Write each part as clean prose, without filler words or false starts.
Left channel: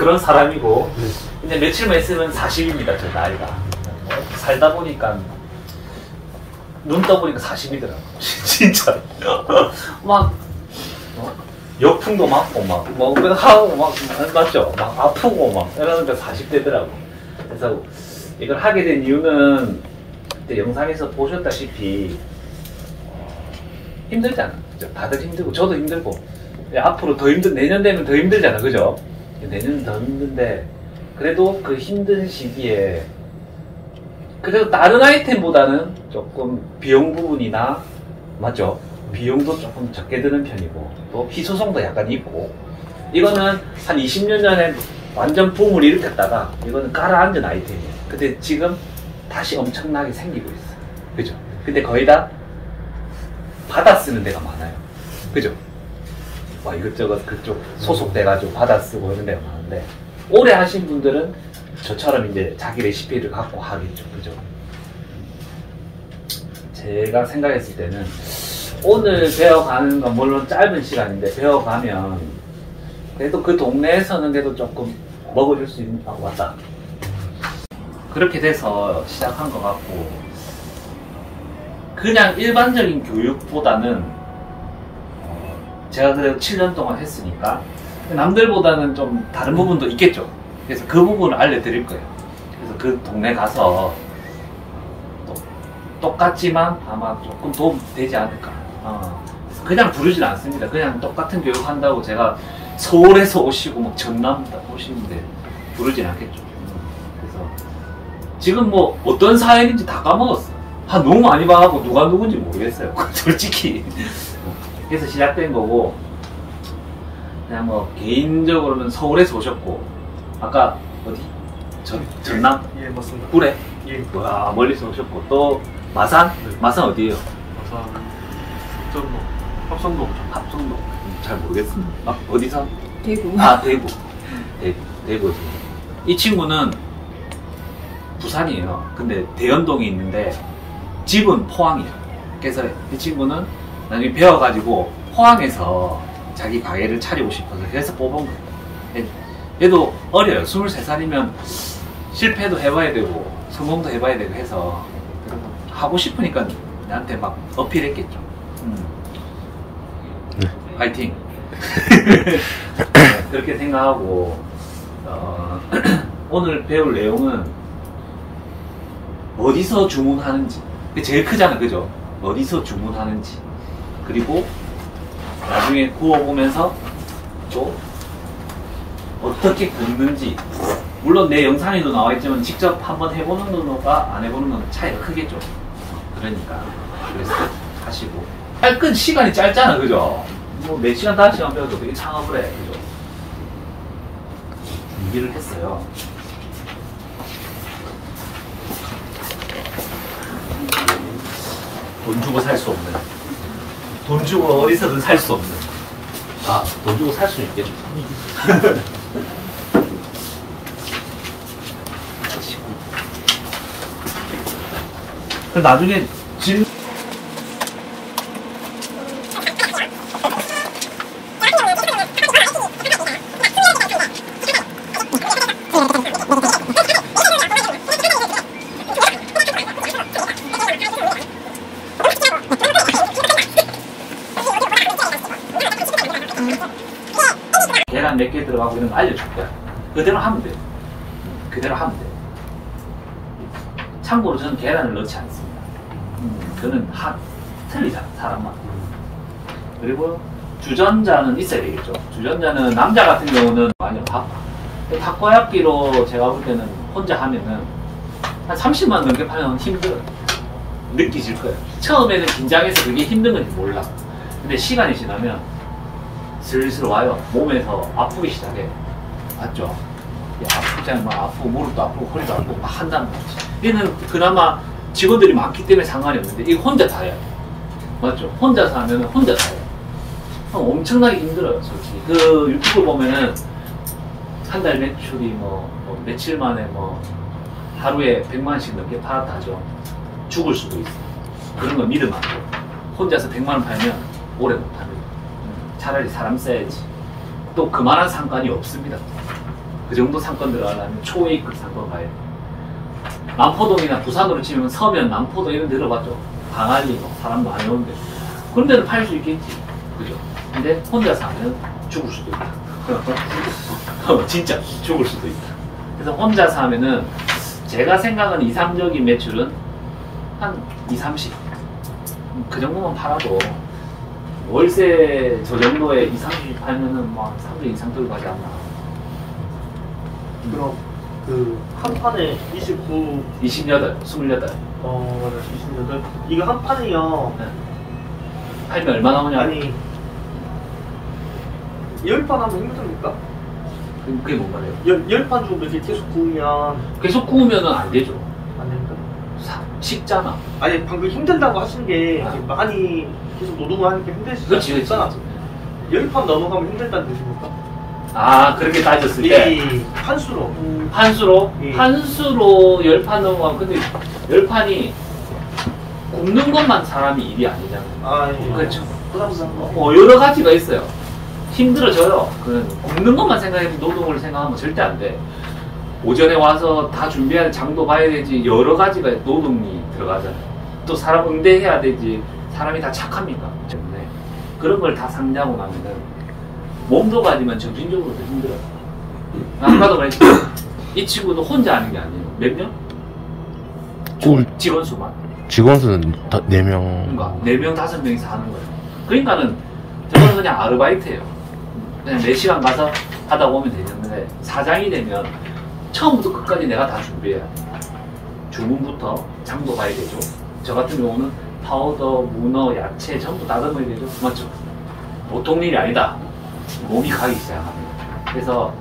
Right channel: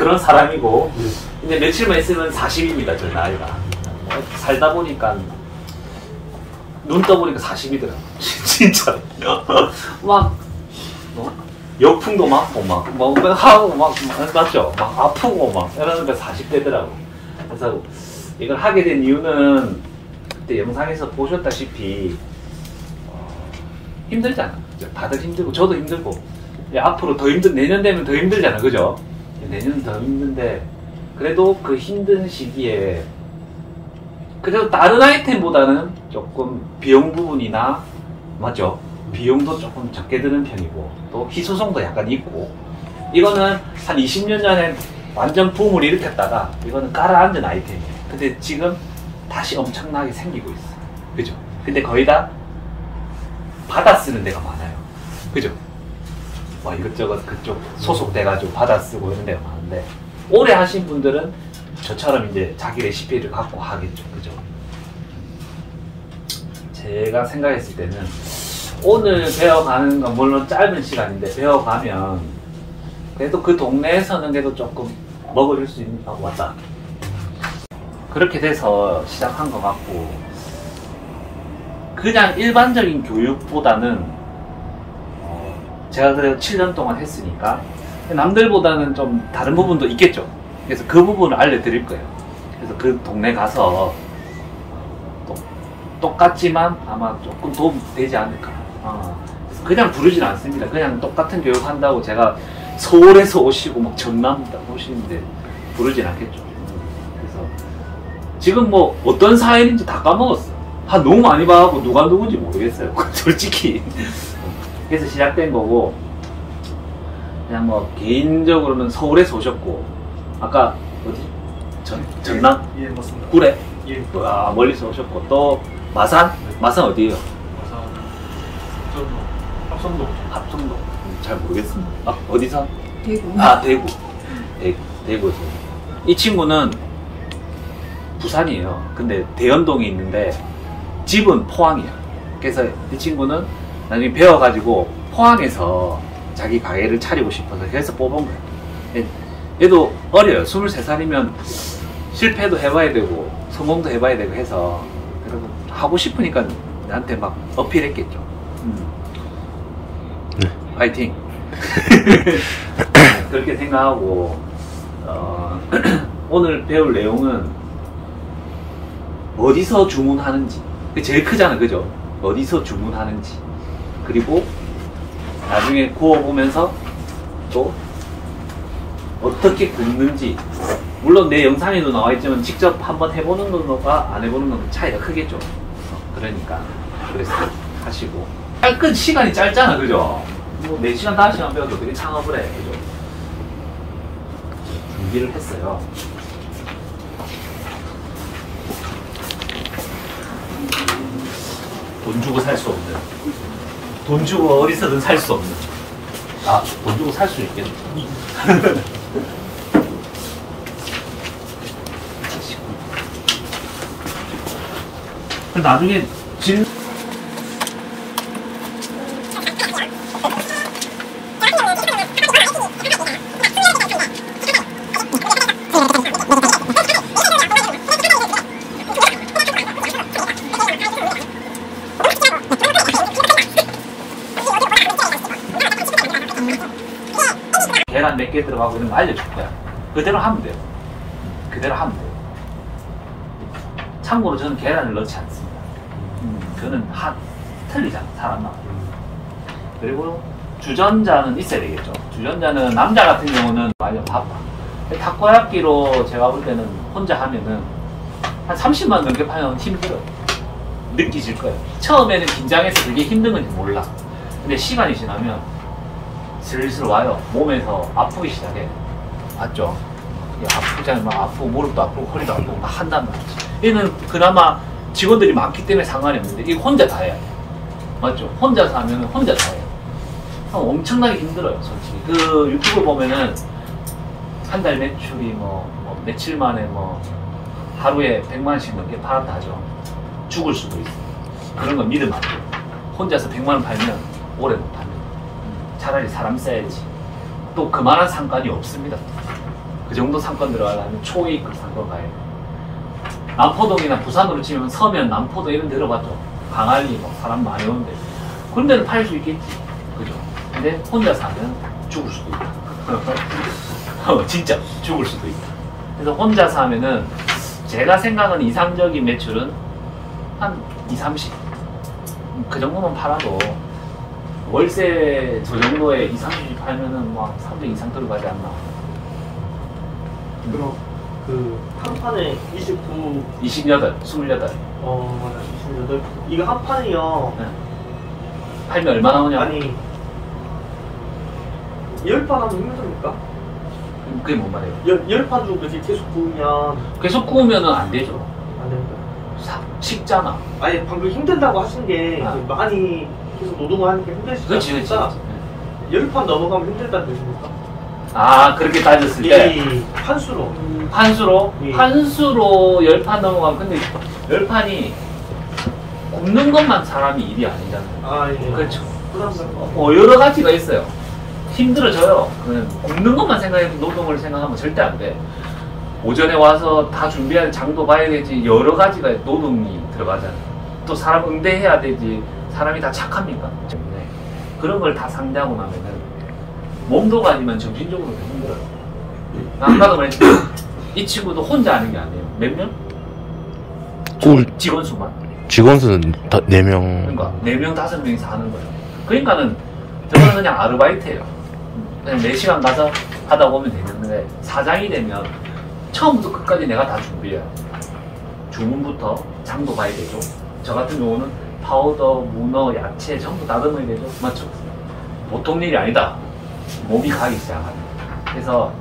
그런 사람이고 근데 며칠만 있으면 40입니다. 저 나이가. 살다 보니까 눈 떠보니까 40이더라고요. 진짜. 막 역풍도 맞고 막 하고 막 맞죠? 막 아프고 막 이러니까 40대더라고. 그래서 이걸 하게 된 이유는 그때 영상에서 보셨다시피 힘들잖아. 그죠? 다들 힘들고 저도 힘들고 앞으로 더 내년 되면 더 힘들잖아. 그죠? 내년은 더 힘든데 그래도 그 힘든 시기에 그래도 다른 아이템보다는 조금 비용 부분이나 맞죠? 비용도 조금 적게 드는 편이고 또 희소성도 약간 있고 이거는 한 20년 전에 완전 붐을 일으켰다가 이거는 깔아앉은 아이템이에요. 근데 지금 다시 엄청나게 생기고 있어. 그죠? 근데 거의 다 받아 쓰는 데가 많아요. 그죠? 뭐 이것저것 그쪽 소속돼가지고 받아 쓰고 이런 데가 많은데 오래 하신 분들은 저처럼 이제 자기 레시피를 갖고 하겠죠. 그죠? 제가 생각했을 때는 오늘 배워가는 건 물론 짧은 시간인데 배워가면 그래도 그 동네에서는 그래도 조금 먹을 수 있는 왔다. 그렇게 돼서 시작한 것 같고 그냥 일반적인 교육보다는 제가 그래도 7년 동안 했으니까 남들보다는 좀 다른 부분도 있겠죠. 그래서 그 부분을 알려드릴 거예요. 그래서 그 동네 가서 똑같지만 아마 조금 도움이 되지 않을까. 그래서 그냥 부르진 않습니다. 그냥 똑같은 교육한다고 제가 서울에서 오시고 막 전남 오시는데 부르진 않겠죠. 그래서 지금 뭐 어떤 사연인지 다 까먹었어. 너무 많이 봐갖고 누가 누군지 모르겠어요. 솔직히. 그래서 시작된 거고 그냥 뭐 개인적으로는 서울에서 오셨고 아까 어디? 전남? 예, 맞습니다. 구례? 예. 와, 멀리서 오셨고 또 마산? 네. 마산 어디에요? 마산 합성동. 합성도 잘 모르겠습니다. 어디서? 대구. 대구. 대구. 이 친구는 부산이에요. 근데 대연동에 있는데 집은 포항이야. 그래서 이 친구는 나중에 배워가지고 포항에서 자기 가게를 차리고 싶어서 해서 뽑은 거예요. 얘도 어려요. 23살이면 실패도 해봐야 되고 성공도 해봐야 되고 해서 여러분 하고 싶으니까 나한테 막 어필했겠죠. 파이팅. 그렇게 생각하고 오늘 배울 내용은 어디서 주문하는지 제일 크잖아. 그죠? 어디서 주문하는지 그리고 나중에 구워보면서 또 어떻게 굽는지 물론 내 영상에도 나와있지만 직접 한번 해보는 거가 안 해보는 건 차이가 크겠죠. 그러니까 그래서 하시고 끈 시간이 짧잖아. 그죠? 뭐 4시간 5시간 배워도 되게 창업을 해. 그죠? 준비를 했어요. 돈 주고 살 수 없는 돈 주고 어디서든 살 수 없는 돈 주고 살 수 있겠네. 그럼 나중에 계란 몇 개 들어가고 이런 거 알려줄 거야. 그대로 하면 돼요. 그대로 하면 돼요. 참고로 저는 계란을 넣지 않습니다. 저는 틀리잖아, 사람마다. 그리고 주전자는 있어야 되겠죠. 주전자는 남자 같은 경우는 많이 바빠. 닭과약기로 제가 볼 때는 혼자 하면은 한 30만 넘게 파면 힘들어요. 느끼질 거예요. 처음에는 긴장해서 그게 힘든 건지 몰라. 근데 시간이 지나면 슬슬 와요. 몸에서 아프기 시작해. 맞죠? 아프잖아요. 막 아프고 무릎도 아프고 허리도 아프고 막 한단 말이지. 얘는 그나마 직원들이 많기 때문에 상관이 없는데 이거 혼자 다 해요. 맞죠? 혼자서 하면 혼자 다 해요. 엄청나게 힘들어요, 솔직히. 그 유튜브 보면은 한 달 매출이 뭐 며칠 만에 뭐 하루에 100만원씩 넘게 팔았다 하죠. 죽을 수도 있어요. 그런 거 믿으면 안 돼요. 혼자서 100만원 팔면 오래 못 팝니다. 차라리 사람 써야지. 또 그만한 상관이 없습니다. 그 정도 상권 들어가려면 초A급 상권 가야 돼. 남포동이나 부산으로 치면 서면, 남포동 이런 데 들어봤죠. 강아리, 뭐 사람 많이 오는데. 그런 데는 팔 수 있겠지. 그죠? 근데 혼자 사면 죽을 수도 있다. 진짜 죽을 수도 있다. 그래서 혼자 사면은 제가 생각하는 이상적인 매출은 한 2, 30. 그 정도만 팔아도 월세 저 정도에 2, 30 팔면은 뭐 300 이상 들어가지 않나. 그럼 그 한 판에 29, 28, 28. 맞아, 28. 이거 한 판이요. 네. 팔면 얼마 나오냐? 아니, 10판 하면 힘듭니까? 그게 뭔 말이에요? 10판 정도 이렇게 계속 구우면 계속 구우면은 안 되죠. 안 됩니다. 식잖아. 아니, 방금 힘들다고 하신 게 아. 이제 많이 계속 노동을 하니까 힘드시지 그렇지, 않습니까? 10판 넘어가면 힘들다는 뜻입니까? 아, 그렇게 따졌을 때. 이 판수로. 판수로? 예. 판수로 10판 넘어가면, 근데 10판이 굽는 것만 사람이 일이 아니잖아요. 아, 예. 그렇죠. 부담스럽고. 여러 가지가 있어요. 힘들어져요. 그는 굽는 것만 생각해서 노동을 생각하면 절대 안 돼. 오전에 와서 다 준비해야 돼. 장도 봐야 되지. 여러 가지가 노동이 들어가잖아요. 또 사람 응대해야 되지. 사람이 다 착합니까? 때문에 그런 걸 다 상대하고 나면은 몸도 아니면 정신적으로도 힘들어요. 아까도 말했지만 이 친구도 혼자 하는 게 아니에요. 몇 명? 직원 수만. 직원 수는 4명. 그러니까 4명, 5명이서 하는 거예요. 그러니까는 저는 그냥 아르바이트예요. 그냥 4시간 가서 하다 보면 되는데 사장이 되면 처음부터 끝까지 내가 다 준비해야 돼. 주문부터 장도 봐야 되죠. 저 같은 경우는 파우더, 문어, 야채 전부 다듬어야 되죠. 맞죠? 보통 일이 아니다. 몸이 가기 시작합니다. 그래서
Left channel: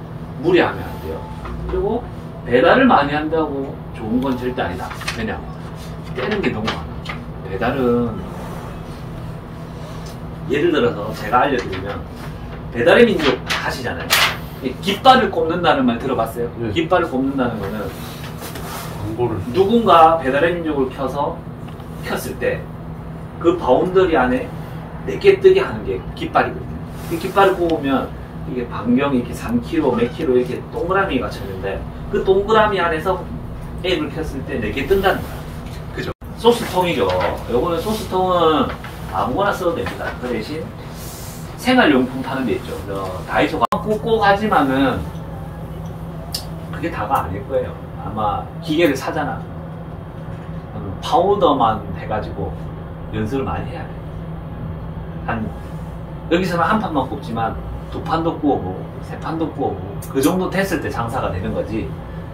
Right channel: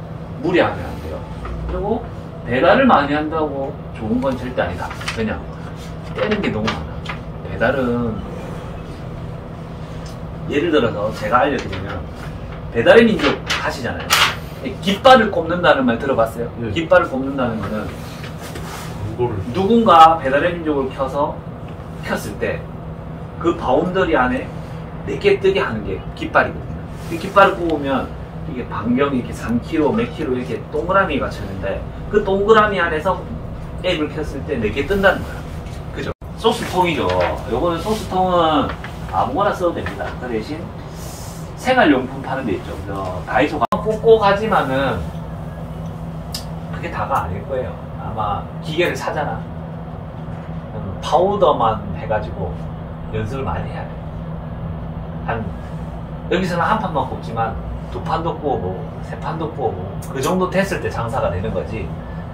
무리하면 안 돼요. 그리고 배달을 많이 한다고 좋은 건 절대 아니다. 왜냐? 떼는 게 너무 많아. 배달은 예를 들어서 제가 알려드리면 배달의 민족 하시잖아요. 깃발을 꼽는다는 말 들어봤어요? 네. 깃발을 꼽는다는 거는 누군가 배달의 민족을 켰을 때 그 바운더리 안에 4개 뜨게 하는 게 깃발이거든요. 그 깃발을 꼽으면 이게 반경이 이렇게 3km, 몇 km 이렇게 동그라미가 쳐있는데 그 동그라미 안에서 앱을 켰을 때 4개 뜬다는 거예요. 그죠? 소스통이죠. 요거는 소스통은 아무거나 써도 됩니다. 그 대신 생활용품 파는 데 있죠. 다이소가 꽂고 가지만은 그게 다가 아닐 거예요. 아마 기계를 사잖아. 파우더만 해가지고 연습을 많이 해야 돼. 여기서는 한 판만 꼽지만 2판도 구워보고 3판도 구워보고 그 정도 됐을 때 장사가 되는 거지.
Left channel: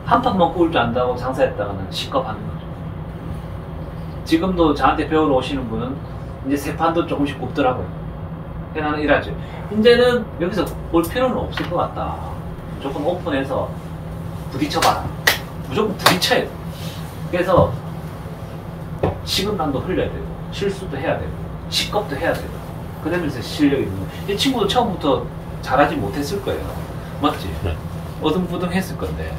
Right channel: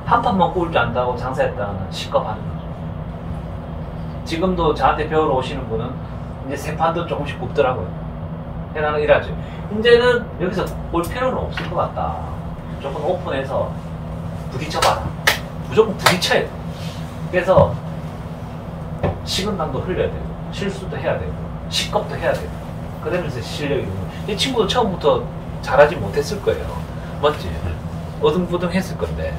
한 판만 구울 줄 안다고 장사했다가는 시겁하는 거죠. 지금도 저한테 배우러 오시는 분은 이제 3판도 조금씩 굽더라고요. 나는 일하죠. 이제는 여기서 볼 필요는 없을 것 같다. 무조건 오픈해서 부딪혀봐라. 무조건 부딪혀야 돼. 그래서 식은땀도 흘려야 되고 실수도 해야 되고 시겁도 해야 되고 그러면서 실력이 있는 거예요. 이 친구도 처음부터 잘하지 못했을 거예요. 맞지? 어등부등 했을 건데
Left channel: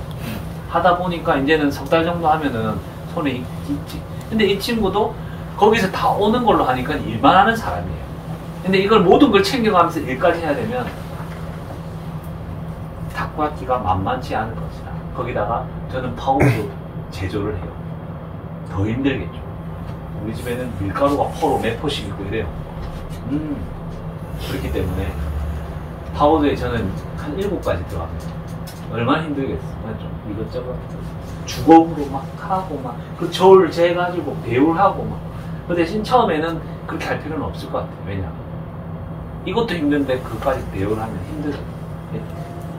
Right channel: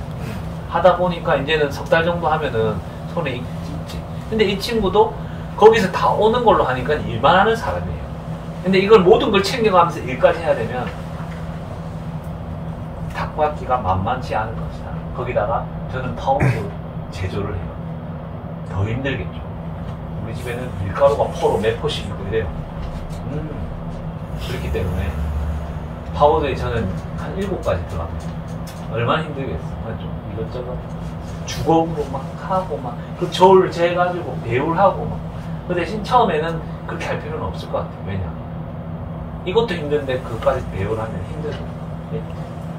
하다 보니까 이제는 3달 정도 하면은 손에 있지. 근데 이 친구도 거기서 다 오는 걸로 하니까 일만 하는 사람이에요. 근데 이걸 모든 걸 챙겨가면서 일까지 해야 되면 닭받기가 만만치 않을 것이다. 거기다가 저는 파우더 제조를 해요. 더 힘들겠죠. 우리 집에는 밀가루가 포로 몇 포씩 있고 이래요. 그렇기 때문에 파우더에 저는 한 7가지 들어갑니다. 얼마나 힘들겠어. 맞죠? 이것저것 주걱으로 막 하고 막 그 저울 재가지고 배울하고 막 그 대신 처음에는 그렇게 할 필요는 없을 것 같아요. 왜냐? 이것도 힘든데 그것까지 배우려면 힘들어요.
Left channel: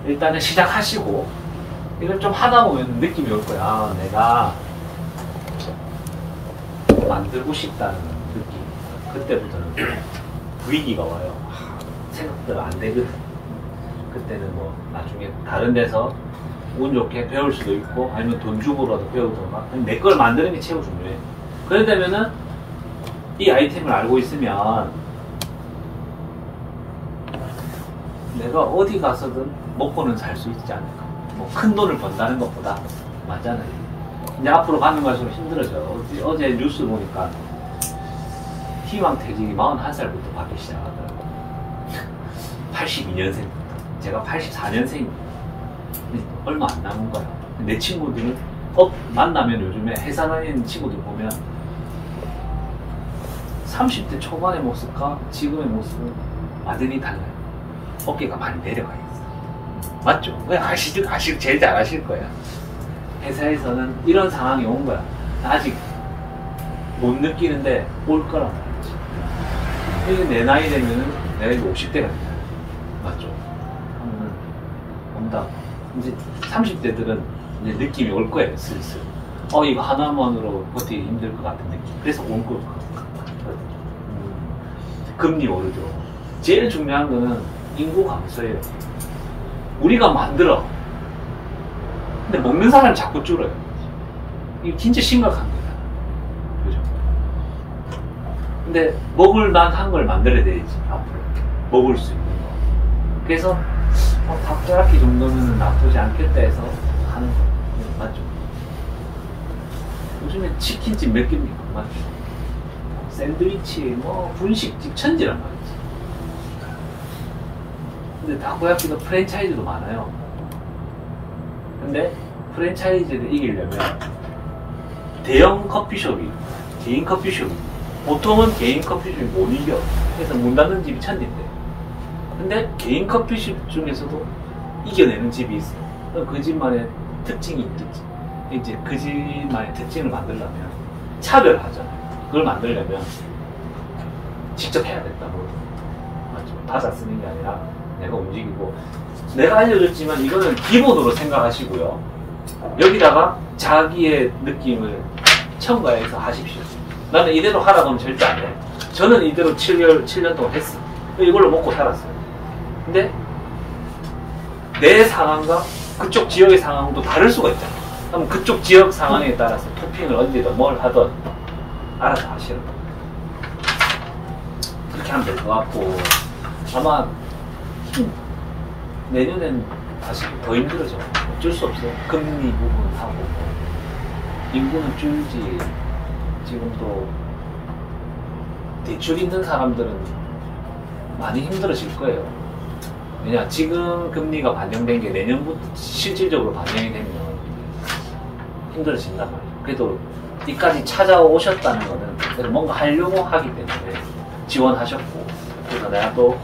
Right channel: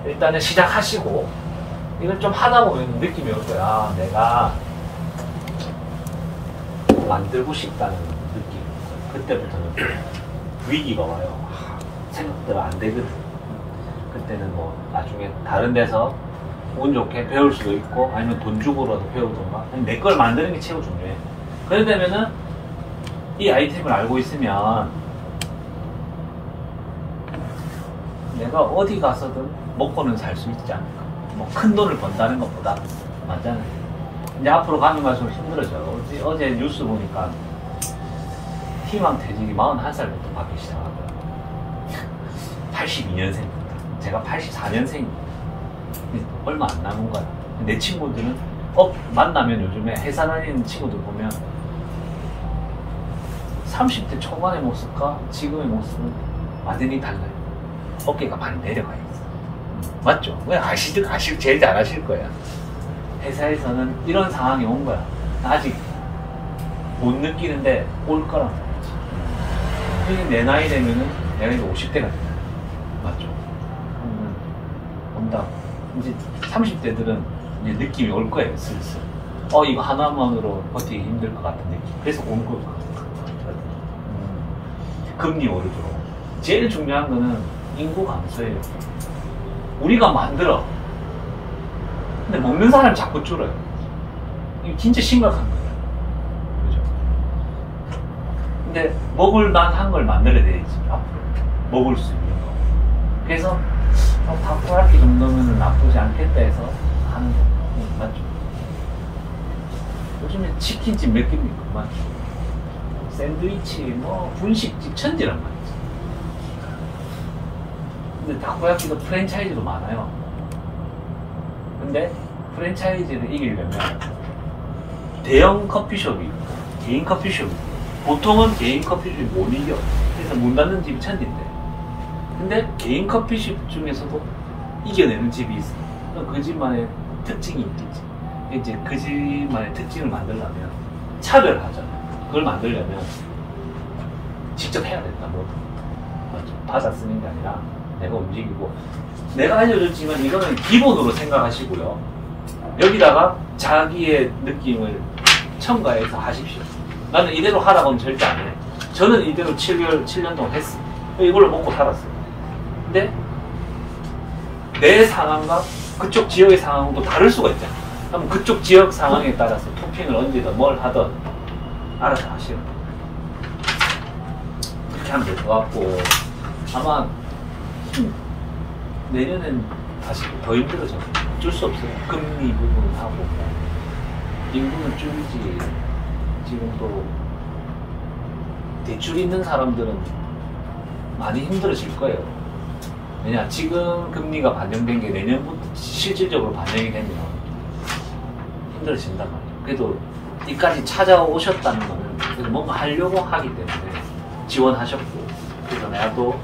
일단은 시작하시고 이걸 좀 하다 보면 느낌이 올 거야. 아, 내가 만들고 싶다는 느낌이 올 거야. 그때부터는 위기가 와요. 생각대로 안 되거든. 그때는 뭐 나중에 다른 데서 운 좋게 배울 수도 있고 아니면 돈 주고라도 배우던가 내 걸 만드는 게 최고 중요해. 그러려면은 이 아이템을 알고 있으면 내가 어디 가서든 먹고는 살 수 있지 않을까. 뭐 큰 돈을 번다는 것보다 맞잖아요. 이제 앞으로 가면 갈수록 힘들어져. 어제 뉴스 보니까 희망퇴직이 41살부터 받기 시작하더라고요. 82년생부터. 제가 84년생입니다. 얼마 안 남은 거야. 내 친구들은 만나면 요즘에 회사 다니는 친구들 보면 30대 초반의 모습과 지금의 모습은 완전히 달라요. 어깨가 많이 내려가 있어. 맞죠? 왜 제일 잘 아실 거예요. 회사에서는 이런 상황이 온 거야. 아직 못 느끼는데 올 거란 말이지. 근데 내 나이 되면은 내가 이제 50대가 된다. 맞죠? 하면은 온다. 이제 30대들은 이제 느낌이 올 거예요, 슬슬. 이거 하나만으로 버티기 힘들 것 같은 느낌. 그래서 올 것 같아. 금리 오르죠. 제일 중요한 거는 인구 감소예요. 우리가 만들어. 근데 먹는 사람이 자꾸 줄어요. 이게 진짜 심각한 거예요. 그죠? 근데 먹을 만한 걸 만들어야 되지, 앞으로. 먹을 수 있는 거. 그래서, 닭고야끼 정도면 나쁘지 않겠다 해서 하는 거. 맞죠? 요즘에 치킨집 몇 개입니까? 맞죠? 샌드위치, 분식집 천지란 말이지. 근데 다코야끼도 프랜차이즈도 많아요. 근데 프랜차이즈를 이기려면 대형 커피숍이 있고 개인 커피숍이 있고 보통은 개인 커피숍이 못 이겨. 그래서 문 닫는 집이 천지인데 근데 개인 커피숍 중에서도 이겨내는 집이 있어. 그 집만의 특징이 있겠지. 이제 그 집만의 특징을 만들려면 차별하잖아요. 그걸 만들려면 직접 해야 된다. 맞죠? 받아 쓰는 게 아니라 내가 움직이고. 내가 알려줬지만 이거는 기본으로 생각하시고요. 여기다가 자기의 느낌을 첨가해서 하십시오. 나는 이대로 하라고는 절대 안 해. 저는 이대로 7년 동안 했어요. 이걸로 먹고 살았어요. 근데 내 상황과 그쪽 지역의 상황도 다를 수가 있잖아요. 그럼 그쪽 지역 상황에 따라서 토핑을 얹든 뭘 하든 알아서 하시는 거예요. 그렇게 하면 될 것 같고, 아마 내년엔 다시 더 힘들어져. 어쩔 수 없어요. 금리 부분하고 인구는 줄지. 지금 또 대출 있는 사람들은 많이 힘들어질 거예요. 왜냐, 지금 금리가 반영된 게 내년부터 실질적으로 반영이 되면 힘들어진단 말이에요. 그래도 이까지 찾아오셨다는 거는 그래도 뭔가 하려고 하기 때문에 지원하셨고, 그래서 내가 또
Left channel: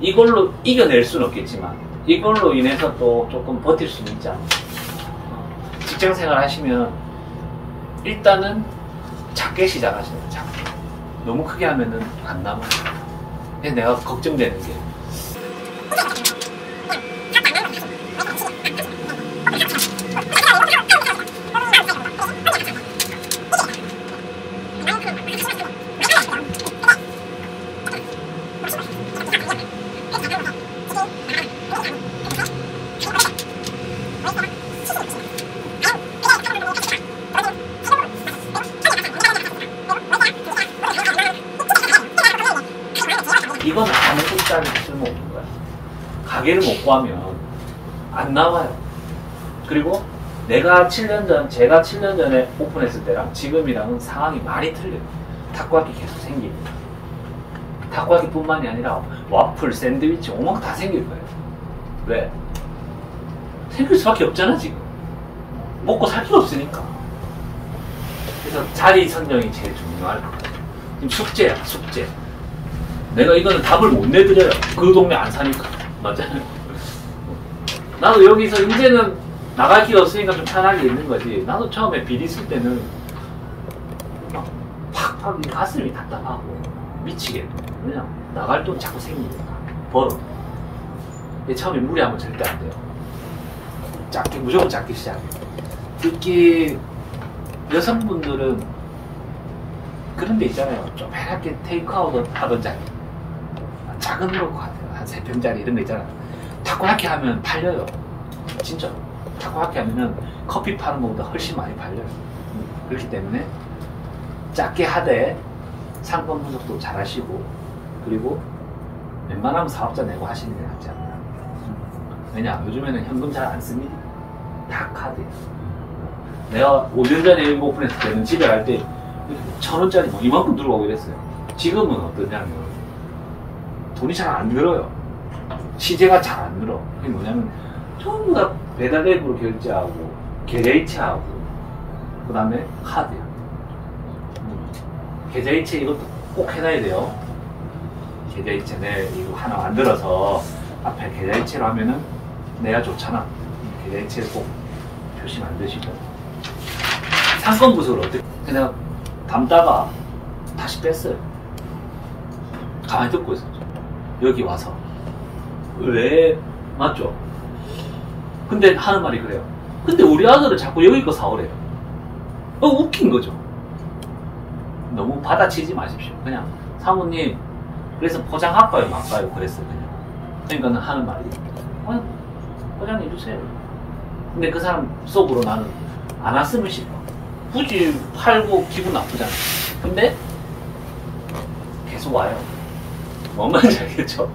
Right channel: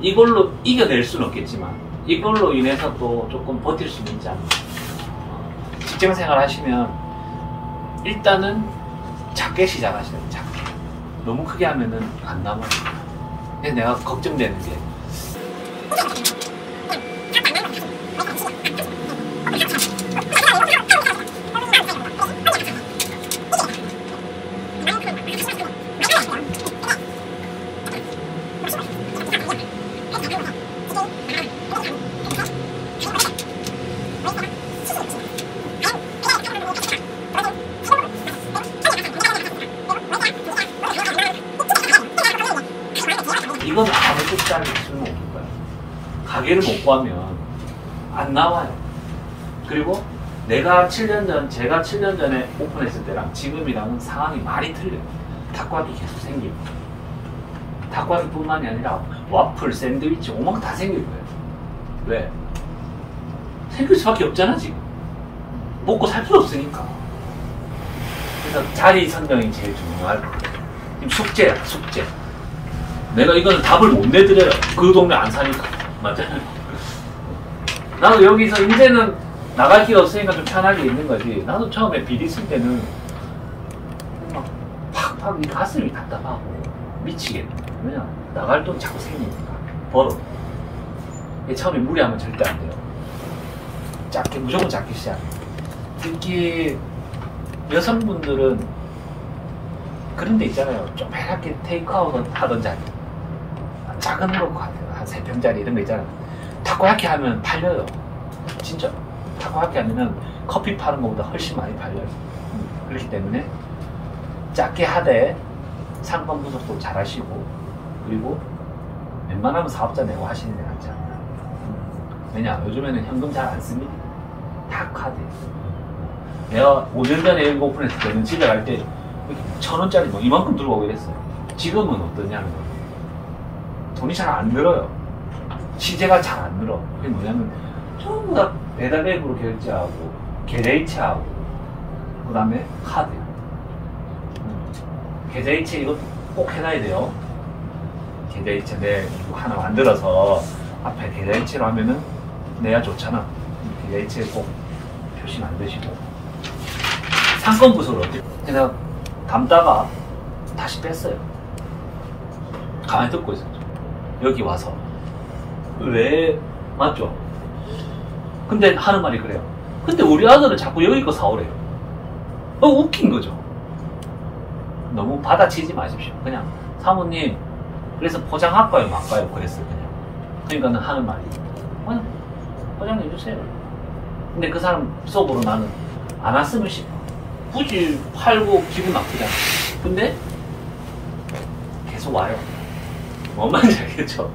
이걸로 이겨낼 수는 없겠지만 이걸로 인해서 또 조금 버틸 수는 있지 않나. 직장생활 하시면 일단은 작게 시작하셔야 돼요. 작게. 너무 크게 하면은 안 남아요. 그래서 내가 걱정되는 게 이건 아무 뜻짜리 쓸모없는 거야. 가게를 못 구하면 안 나와요. 그리고 제가 7년 전에 오픈했을 때랑 지금이랑은 상황이 많이 틀려요. 닭고기 계속 생깁니다. 닭고기뿐만이 아니라 와플, 샌드위치, 엉망 다 생길 거예요. 왜? 생길 수밖에 없잖아, 지금. 먹고 살 게 없으니까. 그래서 자리 선정이 제일 중요할 거예요. 지금 숙제야, 숙제. 내가 이거는 답을 못 내드려요. 그 동네 안 사니까. 맞아요. 나도 여기서 이제는 나갈 길 없으니까 좀 편하게 있는 거지. 나도 처음에 비리 쓸 때는 막 팍팍 가슴이 답답하고 미치겠네. 그냥 나갈 돈 자꾸 생기니까. 벌어. 처음에 무리하면 절대 안 돼요. 작게, 무조건 작게 시작해. 특히 여성분들은 그런 데 있잖아요. 좀 편하게 테이크아웃 하던지 작은 으로 한 3평짜리 이런 거 있잖아요. 타코야키 하면 팔려요. 진짜. 타코야키 하면은 커피 파는 것보다 훨씬 많이 팔려요. 그렇기 때문에 작게 하되 상권 분석도 잘 하시고, 그리고 웬만하면 사업자 내고 하시는 게 낫지 않나. 왜냐, 요즘에는 현금 잘 안 씁니다. 다 카드예요. 내가 5년 전에 이거 오픈했을 때는 집에 갈 때 1,000원짜리 뭐 이만큼 들고 오게 됐어요. 지금은 어떠냐면 돈이 잘 안 늘어요. 시세가 잘 안 늘어. 그게 뭐냐면 전부 다 배달 앱으로 결제하고 계좌이체하고 그 다음에 카드야. 계좌이체 이것도 꼭 해놔야 돼요. 계좌이체 내 이거 하나 만들어서 앞에 계좌이체로 하면은 내가 좋잖아. 계좌이체 꼭 표시 만드시고. 상권 구조를 어떻게 그냥 담다가 다시 뺐어요. 가만히 듣고 있었죠. 여기 와서 왜 맞죠? 근데 하는 말이 그래요. 근데 우리 아들은 자꾸 여기 거 사오래요. 웃긴 거죠. 너무 받아치지 마십시오. 그냥 사모님 그래서 포장할까요 말까요 그랬어요. 그냥. 그러니까는 하는 말이 포장해 주세요. 근데 그 사람 속으로 나는 안 왔으면 싶어. 굳이 팔고 기분 나쁘잖아. 근데 계속 와요. 뭔 말인지 알겠죠?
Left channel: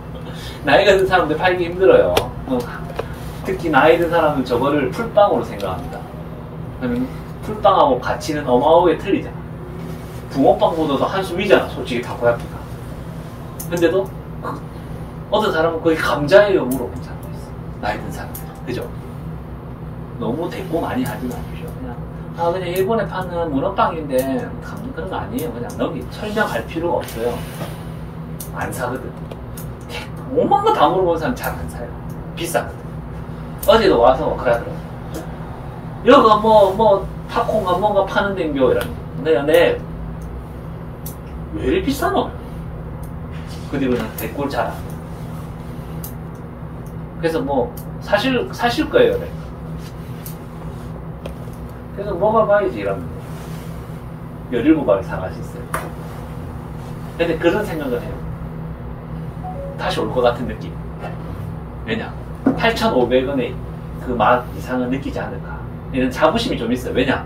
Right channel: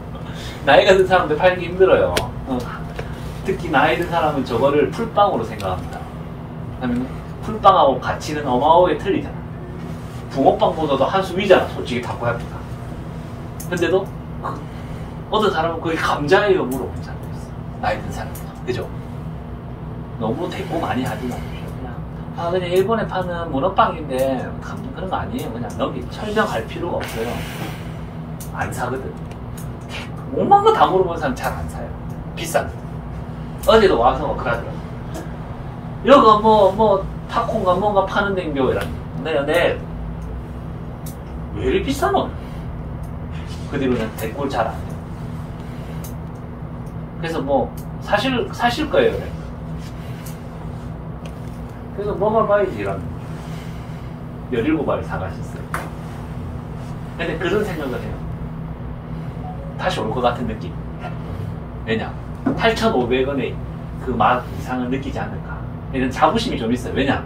나이가 든 사람들 팔기 힘들어요. 특히 나이 든 사람은 저거를 풀빵으로 생각합니다. 왜냐면 풀빵하고 가치는 어마어마하게 틀리잖아. 붕어빵보다도 한 수 위잖아, 솔직히 타코야키가. 근데도 어떤 사람은 거의 감자예요 물어본 사람도 있어. 나이 든 사람들. 그죠? 너무 대꾸 많이 하지 마십시오. 그냥 일본에 파는 문어빵인데 그런 거 아니에요. 그냥 여기 설명할 필요가 없어요. 안 사거든. 5만 거 다 물어본 사람 잘 안 사요. 비싸거든. 어제도 와서 그러더라고. 여기가 뭐 타코인가 뭔가 파는 댕겨 이러면 네. 왜 이리 비싸노? 그 뒤로는 댓글 잘 안 돼. 그래서 뭐 사실 거예요. 그래. 그래서 먹어봐야지 이러면 17알을 사가셨어요. 근데 그런 생각을 해요. 다시 올 것 같은 느낌. 왜냐? 8,500원의 그 맛 이상은 느끼지 않을까. 이런 자부심이 좀 있어요. 왜냐?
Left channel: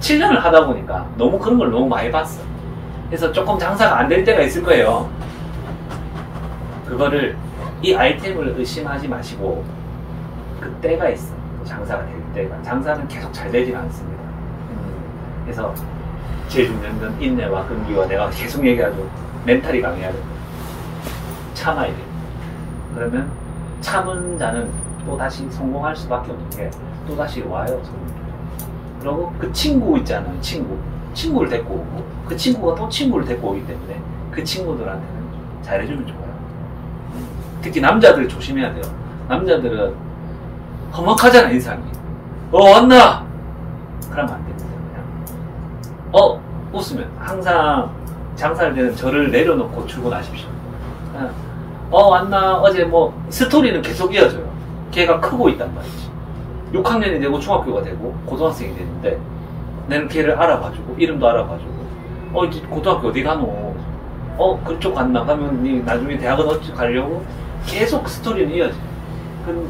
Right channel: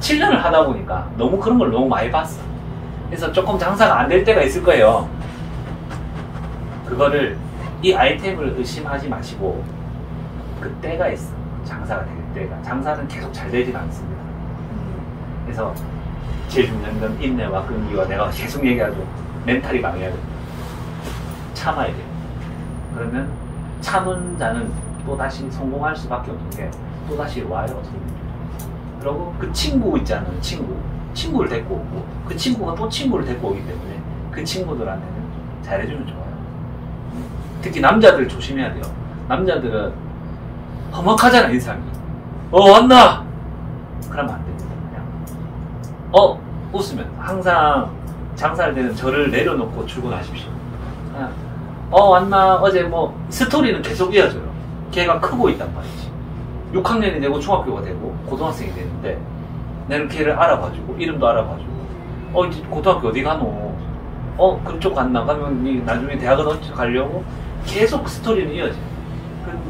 7년을 하다 보니까 너무 그런 걸 너무 많이 봤어. 그래서 조금 장사가 안 될 때가 있을 거예요. 그거를 이 아이템을 의심하지 마시고 그 때가 있어. 장사가 될 때가. 장사는 계속 잘 되진 않습니다. 그래서 제일 중요한 건 인내와 끈기와 내가 계속 얘기하죠. 멘탈이 강해야 된다. 참아야 돼. 그러면 참은 자는 또 다시 성공할 수밖에 없는 게 또 다시 와요. 그리고 그 친구 있잖아요. 친구를 데리고 오고 그 친구가 또 친구를 데리고 오기 때문에 그 친구들한테는 잘해주면 좋아요. 특히 남자들 조심해야 돼요. 남자들은 험악하잖아 인상이. 왔나? 그러면 안 됩니다. 그냥 웃으면 항상 장사할 때는 저를 내려놓고 출근하십시오. 그냥 왔나? 어제 뭐 스토리는 계속 이어져요. 걔가 크고 있단 말이지. 6학년이 되고 중학교가 되고 고등학생이 됐는데 내는 걔를 알아봐주고 이름도 알아봐주고 이제 고등학교 어디 가노? 그쪽 갔나? 가면 니 나중에 대학은 어찌 가려고 계속 스토리는 이어져요.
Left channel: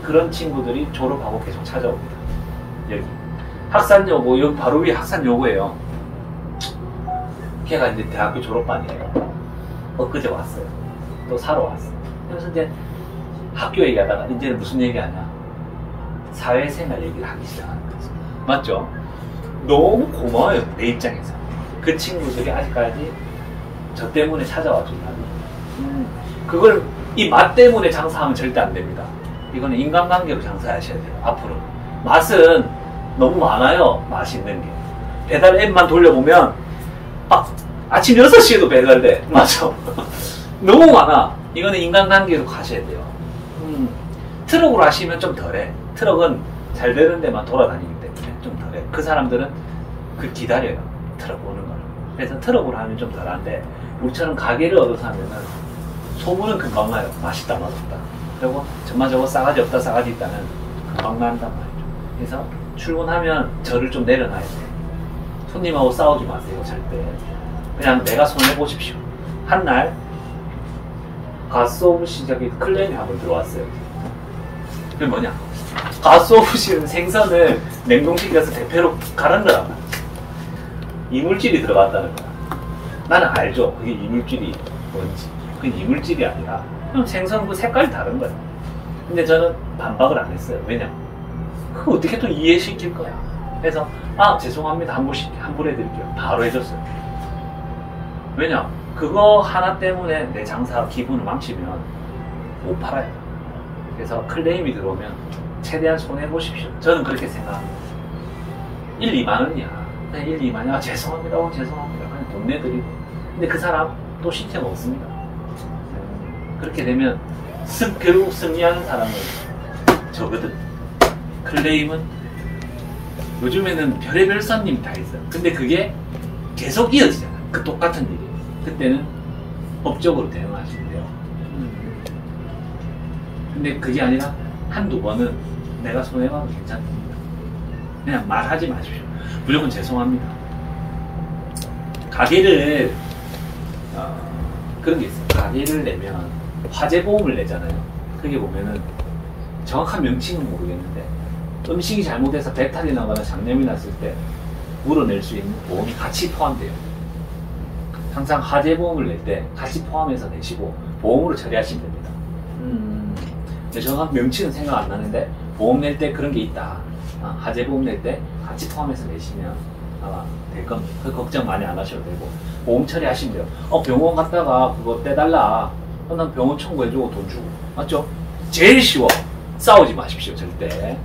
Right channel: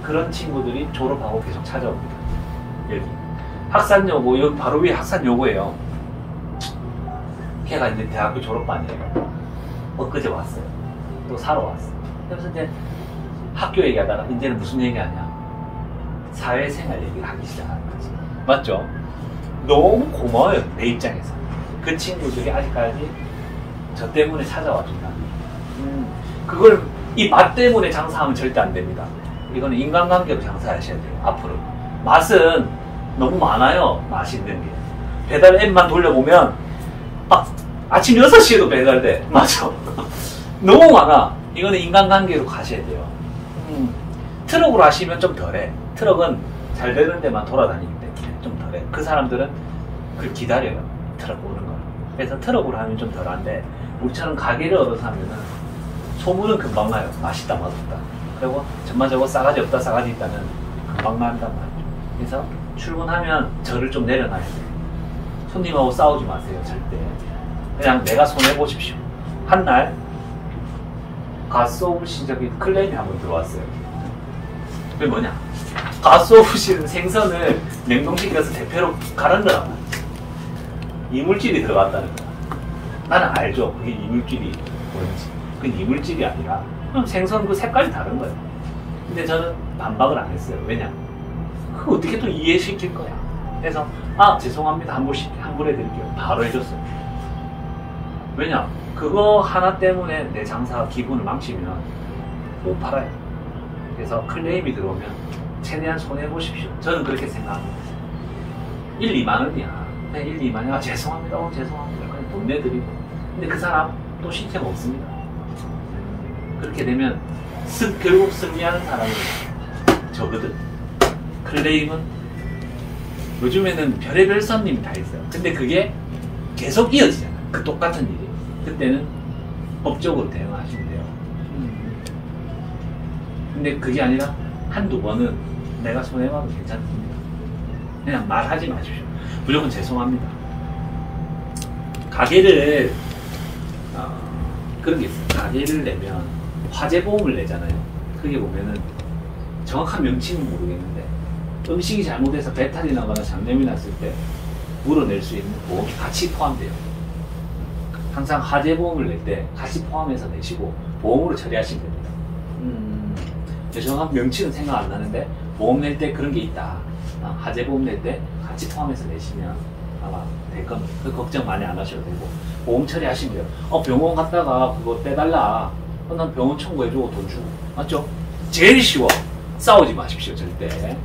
그런 친구들이 졸업하고 계속 찾아옵니다. 여기 학산여고, 여기 바로 위에 학산여고예요. 걔가 이제 대학교 졸업반이에요. 엊그제 왔어요. 또 사러 왔어요. 그래서 이제 학교 얘기하다가 이제는 무슨 얘기하냐? 사회생활 얘기를 하기 시작하는 거죠. 맞죠? 너무 고마워요. 내 입장에서. 그 친구들이 아직까지 저 때문에 찾아와 준다고. 그걸 이 맛 때문에 장사하면 절대 안 됩니다. 이거는 인간관계로 장사하셔야 돼요. 앞으로 맛은 너무 많아요. 맛있는 게 배달 앱만 돌려보면 막 아침 6시에도 배달돼. 맞아. 너무 많아. 이거는 인간관계로 가셔야 돼요. 트럭으로 하시면 좀 덜해. 트럭은 잘 되는 데만 돌아다니기 때문에 좀 덜해. 그 사람들은 그 기다려요. 트럭 오는 걸. 그래서 트럭으로 하면 좀 덜한데 우리처럼 가게를 얻어서 하면은 소문은 금방 나요. 맛있다 맛없다. 그리고 정말 저거 싸가지 없다 싸가지 있다는 금방 난단 말이죠. 그래서 출근하면 저를 좀 내려놔야 돼. 손님하고 싸우지 마세요. 절대. 그냥 내가 손해보십시오. 한날 가스오브시 저기 클레임이 한번 들어왔어요. 그게 뭐냐? 가스오브시는 생선을 냉동실에서 대패로 갈아넣어. 이물질이 들어갔다는 거야. 나는 알죠. 그게 이물질이 뭔지. 그게 이물질이 아니라 그냥 생선 그 색깔이 다른 거야. 근데 저는 반박을 안 했어요. 왜냐? 그거 어떻게 또 이해시킬 거야. 그래서 죄송합니다. 환불해드릴게요. 바로 해줬어요. 왜냐? 그거 하나 때문에 내 장사 기분을 망치면 못 팔아요. 그래서 클레임이 들어오면 최대한 손해보십시오. 저는 그렇게 생각합니다. 1, 2만 원이야. 그냥 1, 2만 원. 아, 죄송합니다. 죄송합니다. 그냥 돈 내드리고. 근데 그 사람 또 시체 먹습니다. 그렇게 되면 결국 승리하는 사람은 저거든. 클레임은 요즘에는 별의별 손님이 다 있어요. 근데 그게 계속 이어지잖아. 그 똑같은 일이. 그때는 법적으로 대응하시면 돼요. 근데 그게 아니라 한두 번은 내가 손해봐도 괜찮습니다. 그냥 말하지 마십시오. 무조건 죄송합니다. 가게를 그런 게 있어요. 가게를 내면 화재보험을 내잖아요. 그게 보면은 정확한 명칭은 모르겠는데 음식이 잘못해서 배탈이 나거나 장염이 났을 때 물어낼 수 있는 보험이 같이 포함돼요. 항상 화재보험을 낼 때 같이 포함해서 내시고 보험으로 처리하시면 됩니다. 정확한 명칭은 생각 안 나는데 보험 낼 때 그런 게 있다. 화재보험 낼 때 같이 포함해서 내시면 아마 될 겁니다. 그 걱정 많이 안 하셔도 되고 보험 처리하시면 돼요. 병원 갔다가 그거 떼달라. 난 병원 청구해주고 돈 주고. 맞죠? 제일 쉬워. 싸우지 마십시오. 절대.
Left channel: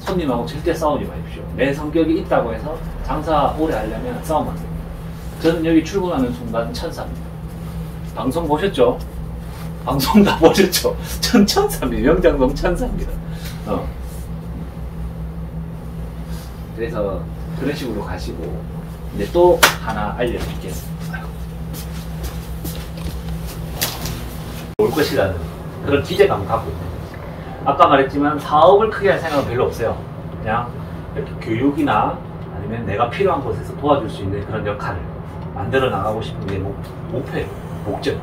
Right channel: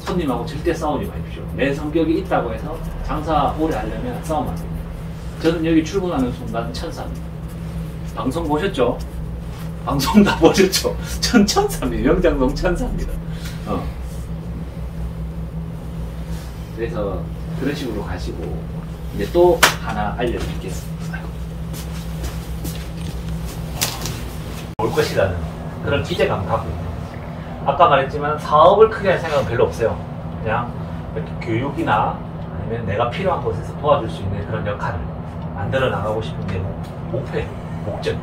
손님하고 절대 싸우지 마십시오. 내 성격이 있다고 해서 장사 오래 하려면 싸우면 안 됩니다. 저는 여기 출근하는 순간 천사입니다. 방송 보셨죠? 방송 다 보셨죠? 전 천사입니다. 명장동 천사입니다. 그래서 그런 식으로 가시고 이제 또 하나 알려드리겠습니다. 올 것이라는 그런 기대감 갖고 있는 거죠. 아까 말했지만 사업을 크게 할 생각은 별로 없어요. 그냥 이렇게 교육이나 아니면 내가 필요한 곳에서 도와줄 수 있는 그런 역할을 만들어 나가고 싶은 게 목표예요. 목적.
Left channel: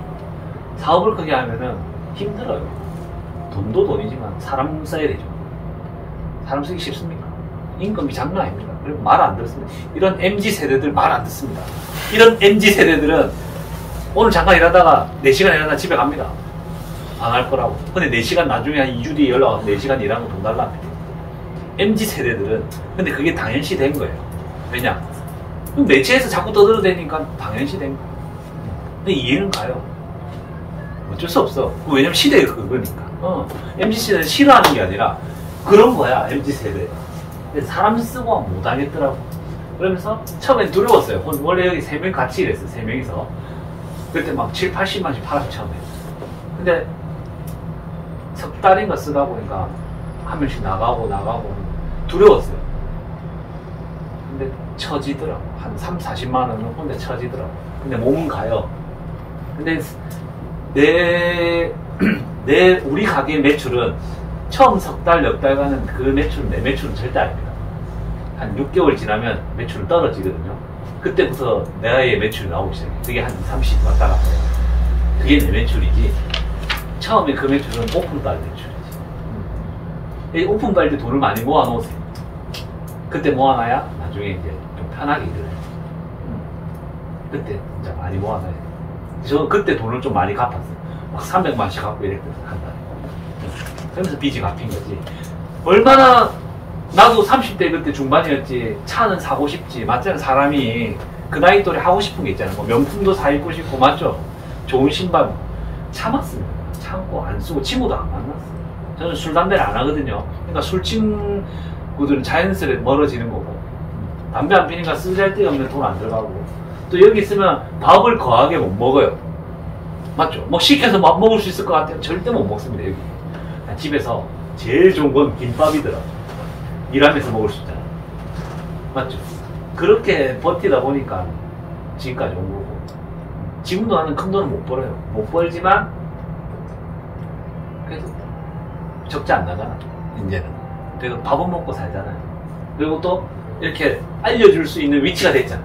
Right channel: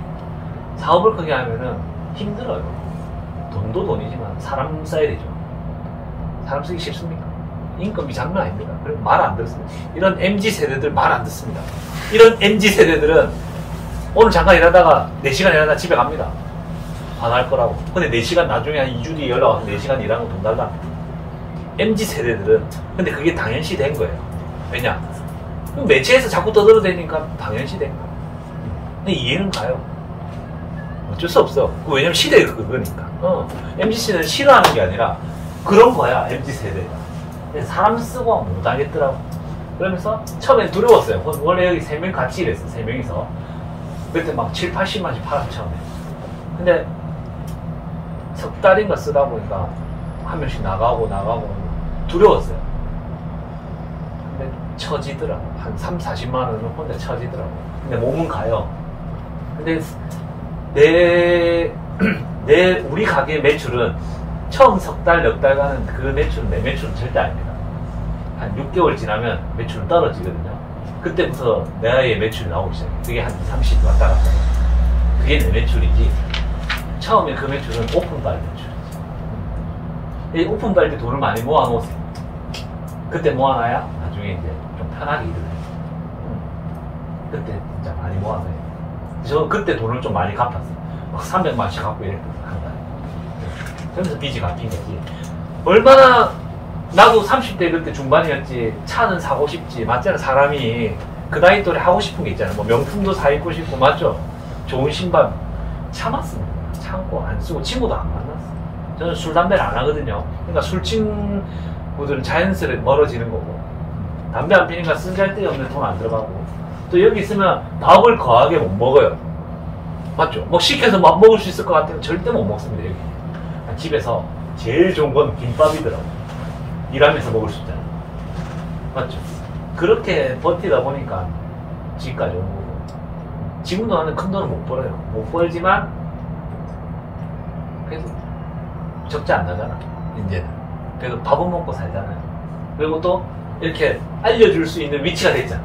사업을 크게 하면은 힘들어요. 돈도 돈이지만 사람 써야 되죠. 사람 쓰기 쉽습니까? 인건비 장난 아닙니다. 그리고 말 안 들었습니다. 이런 MZ세대들 말 안 듣습니다. 이런 MZ세대들은 오늘 잠깐 일하다가 4시간 일하다가 집에 갑니다. 안 할 거라고. 근데 4시간 나중에 한 2주 뒤에 연락 와서 4시간 일하는 거 돈 달랍니다. MZ세대들은 근데 그게 당연시 된 거예요. 왜냐? 매체에서 자꾸 떠들어대니까 당연시 된 거예요. 근데 이해는 가요. 어쩔 수 없어. 왜냐면 시대가 그거니까. MZ세대는 싫어하는 게 아니라 그런 거야. MZ세대가. 근데 사람 쓰고 못 하겠더라고. 그러면서 처음엔 두려웠어요. 원래 여기 3명 같이 일했어. 3명이서. 그때 막 7, 80만씩 팔았어. 처음에. 근데 석 달인가 쓰다 보니까 한 명씩 나가고 두려웠어요. 근데 처지더라고. 한 3, 40만 원은 혼자 처지더라고. 근데 몸은 가요. 근데 우리 가게 매출은 처음 석 달, 몇 달간은 그 매출은 내 매출은 절대 아닙니다. 한 6개월 지나면 매출은 떨어지거든요. 그때부터 내의 매출이 나오기 시작해요. 그게 한 30 왔다 갔다 해요. 그게 내 매출이지. 처음에 그 매출은 오픈발 매출이지. 이 오픈발 때 돈을 많이 모아놓으세요. 그때 모아놔야 나중에 이제 좀 편하게 일을 해요. 그때 진짜 많이 모아놔야 돼요. 저는 그때 돈을 좀 많이 갚았어요. 막 300만씩 갖고 이랬거든, 한 달에. 그러면서 빚이 갚인 거지. 얼마나, 나도 30대 그때 중반이었지. 차는 사고 싶지. 맞잖아. 사람이 그 나이 또래 하고 싶은 게 있잖아요. 뭐 명품도 사 입고 싶고, 맞죠? 좋은 신발. 참았습니다. 참고 안 쓰고 친구도 안 만났어요. 저는 술, 담배를 안 하거든요. 그러니까 술 친구들은 자연스레 멀어지는 거고, 담배 안 피니까 쓸데없는 돈 안 들어가고, 또 여기 있으면 밥을 거하게 못 먹어요. 맞죠? 뭐 시켜서 밥 먹을 수 있을 것 같아요. 절대 못 먹습니다, 여기. 집에서 제일 좋은 건 김밥이더라고. 일하면서 먹을 수 있잖아. 맞죠? 그렇게 버티다 보니까 지금까지 온 거고. 지금도 나는 큰 돈을 못 벌어요. 못 벌지만 그래서 적지 안 나잖아, 이제는. 그래도 밥은 먹고 살잖아요. 그리고 또 이렇게 알려줄 수 있는 위치가 됐잖아.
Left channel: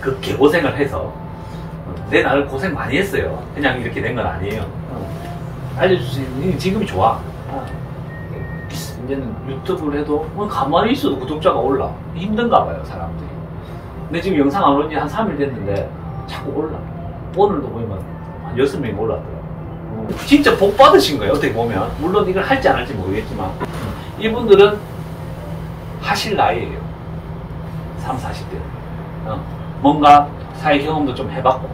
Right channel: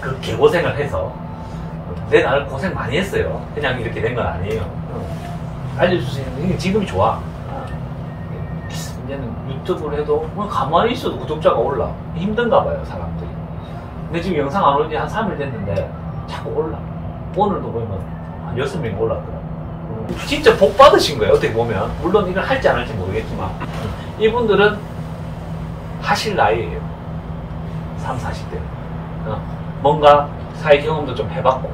그 개고생을 해서. 내 나를 고생 많이 했어요. 그냥 이렇게 된 건 아니에요. 알려줄 수 있는, 지금이 좋아. 이제는 유튜브를 해도 가만히 있어도 구독자가 올라. 힘든가 봐요, 사람들이. 근데 지금 영상 안 온 지 한 3일 됐는데 자꾸 올라. 오늘도 보면 한 6명이 올랐더라고요. 진짜 복 받으신 거예요, 어떻게 보면. 물론 이걸 할지 안 할지 모르겠지만 이분들은 하실 나이에요. 3, 40대. 뭔가 사회 경험도 좀 해봤고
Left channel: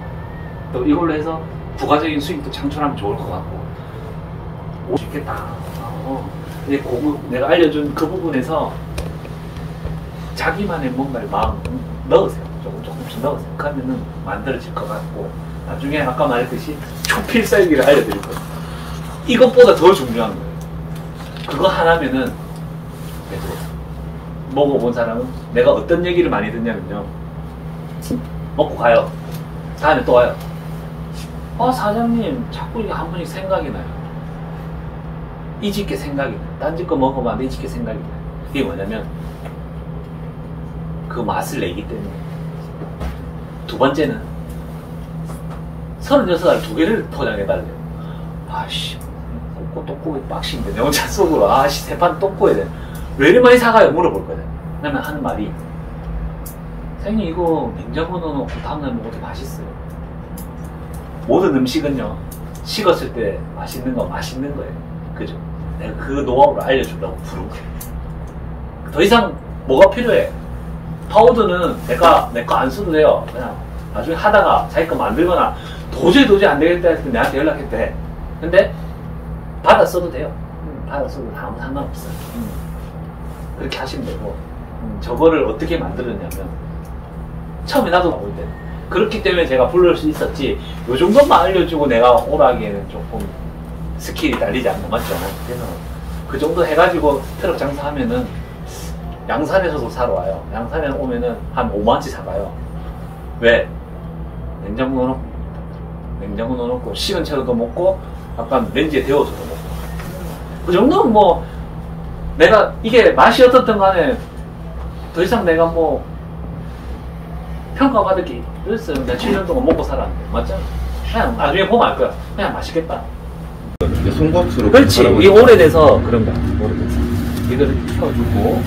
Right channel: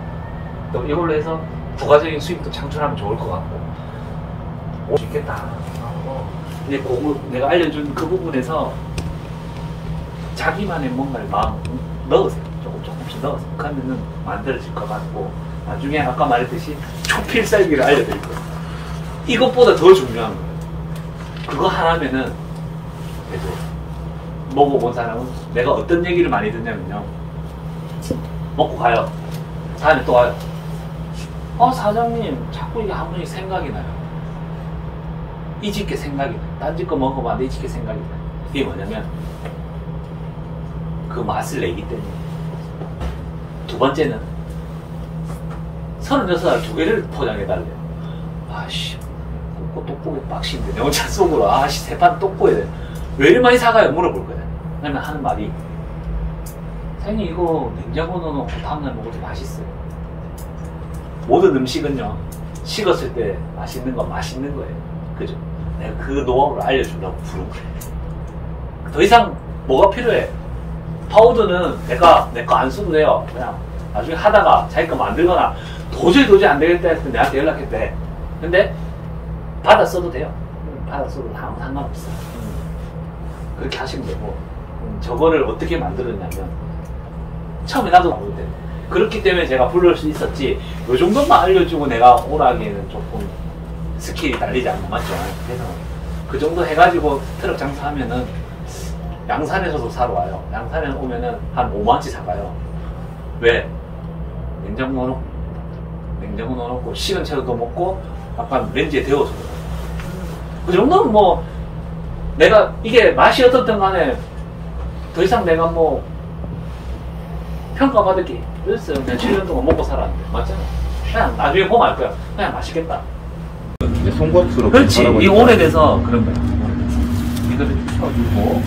또 이걸로 해서 부가적인 수익도 창출하면 좋을 것 같고 오, 좋겠다. 이제 내가 알려준 그 부분에서 자기만의 뭔가를 막 넣으세요. 조금씩 넣으세요. 그러면은 만들어질 것 같고, 나중에 아까 말했듯이 초필살기를 알려드릴 거예요. 이것보다 더 중요한 거예요. 그거 하나면은, 그래도 먹어본 사람은 내가 어떤 얘기를 많이 듣냐면요. 먹고 가요. 다음에 또 와요. 사장님, 자꾸 이게 한 번씩 생각이 나요. 이 집게 생각이 나요. 딴 집 거 먹어봤는데 이 집게 생각이 나요. 이게 뭐냐면, 그 맛을 내기 때문에. 두 번째는, 36알 2개를 포장해달래요. 아씨, 꽂고 또 꼬이 빡신데, 내 혼자 속으로, 아씨, 3판 또 꼬야 돼. 왜 이리 많이 사가요? 물어볼 거야. 그러면 하는 말이, 선생님, 이거 냉장고 넣어놓고 다음날 먹어도 맛있어요. 모든 음식은요, 식었을 때 맛있는 건 맛있는 거예요. 그죠? 내가 그 노하우를 알려주려고 부른 거예요. 더 이상 뭐가 필요해? 파우더는 내 거 안 써도 돼요. 그냥 나중에 하다가 자기 거 만들거나 도저히 안 되겠다 해서 내한테 연락했대. 근데 받아 써도 돼요. 받아 써도 아무 상관없어요. 그렇게 하시면 되고, 저거를 어떻게 만들었냐면, 처음에 나도 볼 때 그렇기 때문에 제가 부를 수 있었지, 요 정도만 알려주고 내가 오라기에는 조금 스킬이 달리지 않나, 맞죠? 그래서 그 정도 해가지고 트럭 장사하면은 양산에서도 사러 와요. 양산에 오면은 한 5만원치 사가요. 왜? 냉장고 넣어놓고 식은 채로도 먹고 약간 렌즈에 데워서도 먹고, 그 정도는 뭐 내가 이게 맛이 어떻든 간에 더 이상 내가 뭐 평가받을 게 있어요. 내가 7년 동안 먹고 살았는데, 맞잖아. 그냥 나중에 보면 알 거야. 그냥 맛있겠다. 송구학수로. 그렇지. 이 오래돼서 그런 거야. 오래돼서. 이거를 펴주고.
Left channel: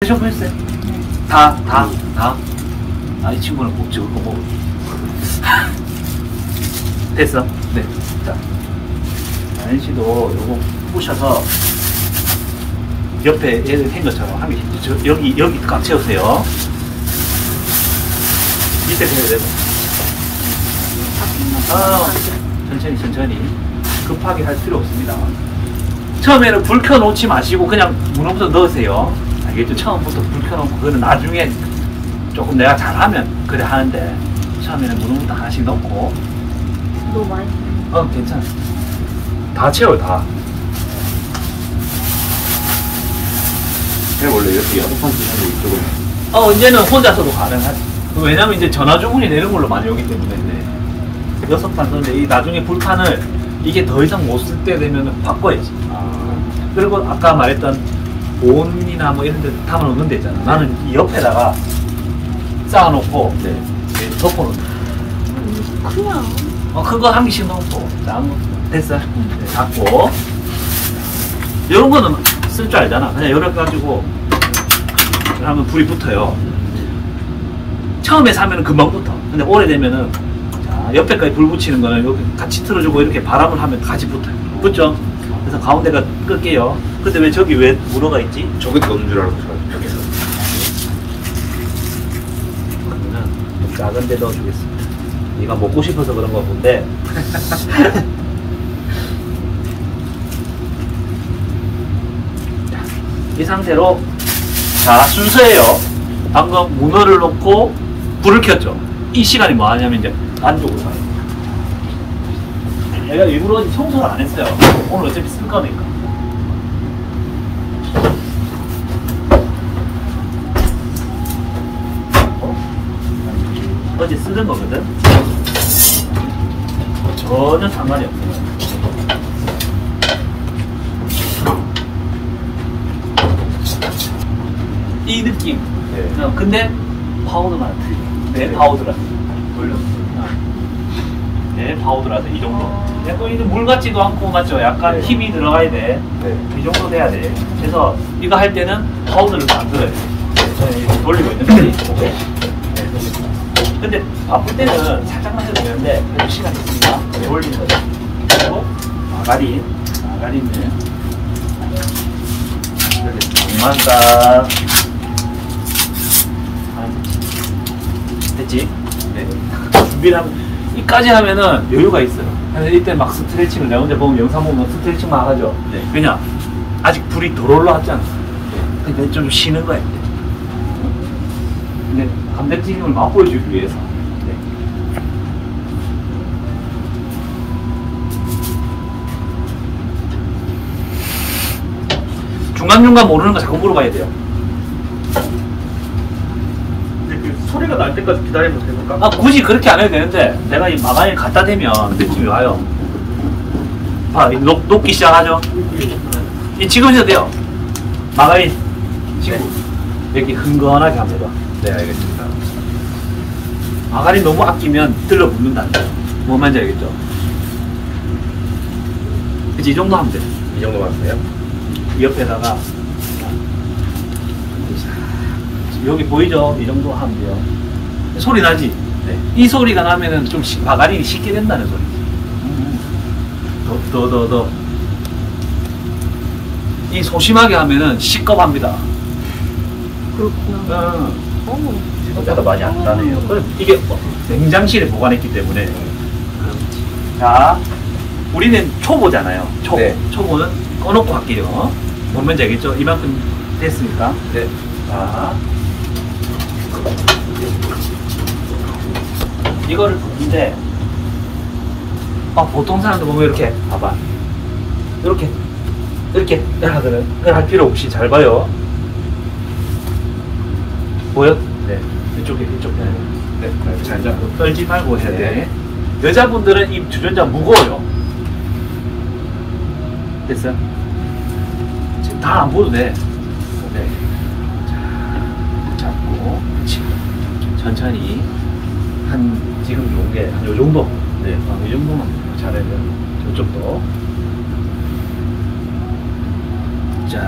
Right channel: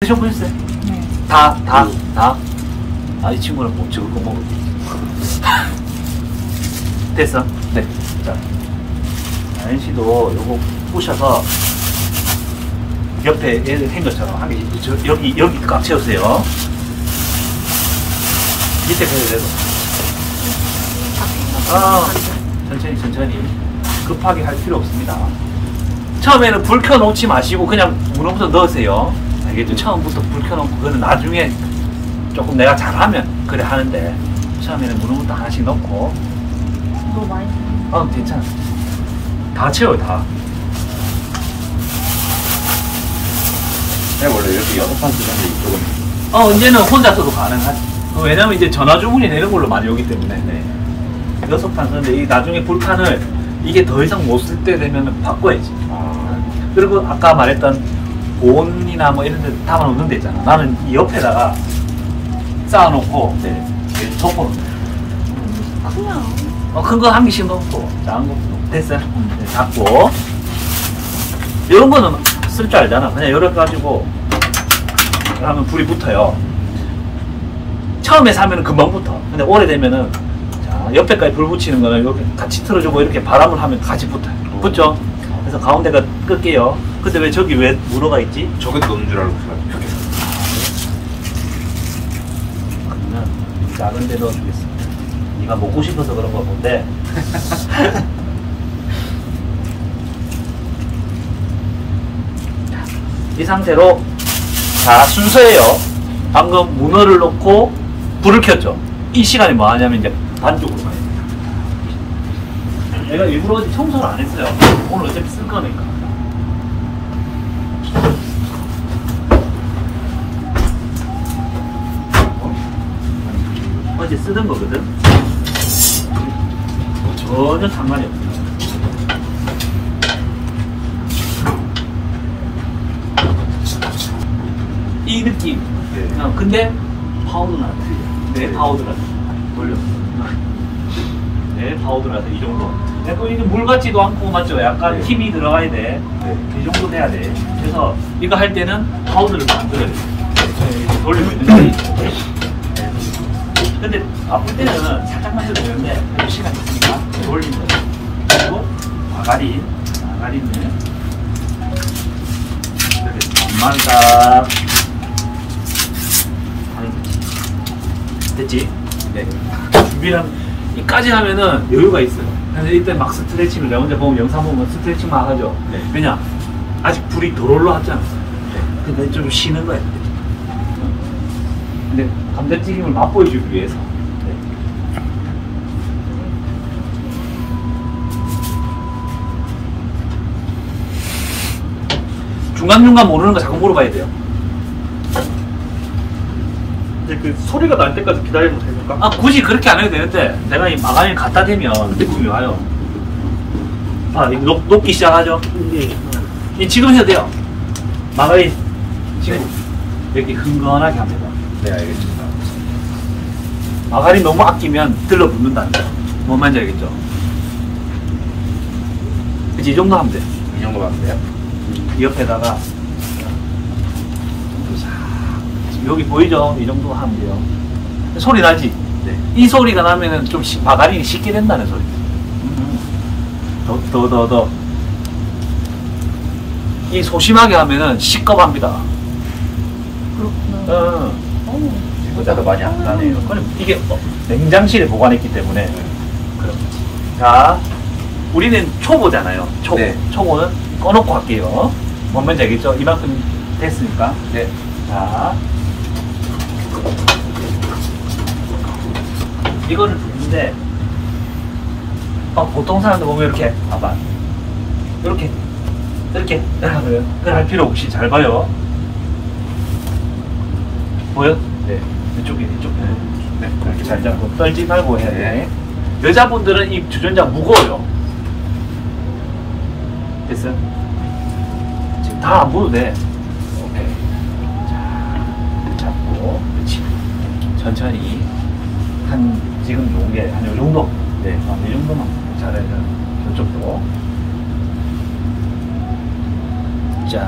드셔보셨어요? 다. 이 친구는 못 찍을 거 먹어. 됐어? 네. 자. NC도 요거 부셔서 옆에 얘를 한 것처럼 하기, 여기 꽉 채우세요. 밑에 그래서 천천히 급하게 할 필요 없습니다. 처음에는 불 켜놓지 마시고 그냥 문어부터 넣으세요. 알겠죠? 처음부터 불 켜놓고, 그거는 나중에 조금 내가 잘하면 그래 하는데, 처음에는 문어부터 하나씩 넣고. 너무 많이 괜찮아. 다 채워요, 다. 원래 이렇게 6판 쓰는데 이쪽은. 이제는 혼자서도 가능하지. 왜냐면 이제 전화 주문이 내는 걸로 많이 오기 때문에. 6판 쓰는데, 이 나중에 불판을 이게 더 이상 못 쓸 때 되면 바꿔야지. 그리고 아까 말했던 보온이나 뭐 이런 데 담아놓는 데 있잖아. 나는 이 옆에다가 쌓아놓고, 덮어놓는 거야. 그냥 큰 거 한 개씩 넣고, 나은 거 됐어. 잡고. 이런 거는 쓸 줄 알잖아. 그냥 이렇게 가지고 하면 불이 붙어요. 처음에 사면은 금방 붙어. 근데 오래되면은, 자, 옆에까지 불 붙이는 거는 이렇게 같이 틀어주고 이렇게 바람을 하면 같이 붙어요. 붙죠? 그래서 가운데가 끌게요. 근데 왜 저기 왜 문어가 있지? 저것도 없는 줄 알고 여기서. 그러면 좀 작은 데 넣어주겠습니다. 네가 먹고 싶어서 그런 거 본데. 이 상태로, 자, 순서예요. 방금 문어를 넣고 불을 켰죠. 이 시간에 뭐 하냐면 이제 반쪽으로 가요. 내가 일부러 청소를 안 했어요. 오늘 어차피 쓸 거니까. 어제 쓰던 거거든. 전혀 상관이 없어요. 이 느낌. 근데 파우더가 틀려. 내 파우더라서 돌렸어. 내 파우더라서 이 정도. 약간 이제 물 같지도 않고, 맞죠? 약간 힘이 들어가야 돼. 이 정도 돼야 돼. 그래서 이거 할 때는 파우더를 만들어야 돼. 돌리면 근데 바쁠 때는 살짝만 해도 되는데, 그래도 시간이 있으니까 돌리는 거죠. 그리고 마가린은 이렇게 반만 딱 하는 거지. 됐지? 네. 준비를 하면, 이까지 하면은 여유가 있어요. 그래서 이때 막 스트레칭을, 내가 혼자 보면 영상 보면 스트레칭 막 하죠. 네. 왜냐? 아직 불이 덜 올라왔잖아. 근데 좀 쉬는 거야, 이때. 근데 감자튀김을 맛보여주기 위해서. 중간중간 모르는 거 자꾸 물어봐야 돼요. 이제 그 소리가 날 때까지 기다리면 됩니까? 아, 굳이 그렇게 안 해도 되는데, 내가 이 마가린 갖다 대면 느낌이 와요. 아, 녹기 시작하죠? 이 지금 해도 돼요. 마가린, 친구. 이렇게 흥건하게 한번 해봐. 네, 알겠습니다. 마가린 너무 아끼면 들러붙는다는 거. 뭔 말인지 알겠죠? 그치, 이 정도 하면 돼. 이 정도 맞어요? 옆에다가 여기 보이죠? 이 정도 하면 돼요. 소리 나지? 네. 이 소리가 나면은 좀 마가린이 식게 된다는 소리. 더. 이 소심하게 하면은 시겁합니다. 그렇구나. 어머. 생각보다 많이 안 나네요. 그럼 이게 냉장실에 보관했기 때문에. 자, 우리는 초보잖아요. 초보. 네. 초보는 꺼놓고 할게요. 뭔 말인지 알겠죠? 이만큼 됐습니까? 네. 자, 이거를 부는데, 보통 사람들 보면 이렇게, 봐봐. 이렇게 하거든. 그걸 할 필요 없이 잘 봐요. 보여? 네. 이쪽에. 네. 잘 떨지 말고 해야 돼. 여자분들은 이 주전자 무거워요. 됐어? 지금 다 안 보도 돼. 오케이. 자, 잡고, 그렇지. 천천히. 지금 좋은 게, 한 요 정도. 네. 이 정도만 잘해야 돼. 저쪽도. 자,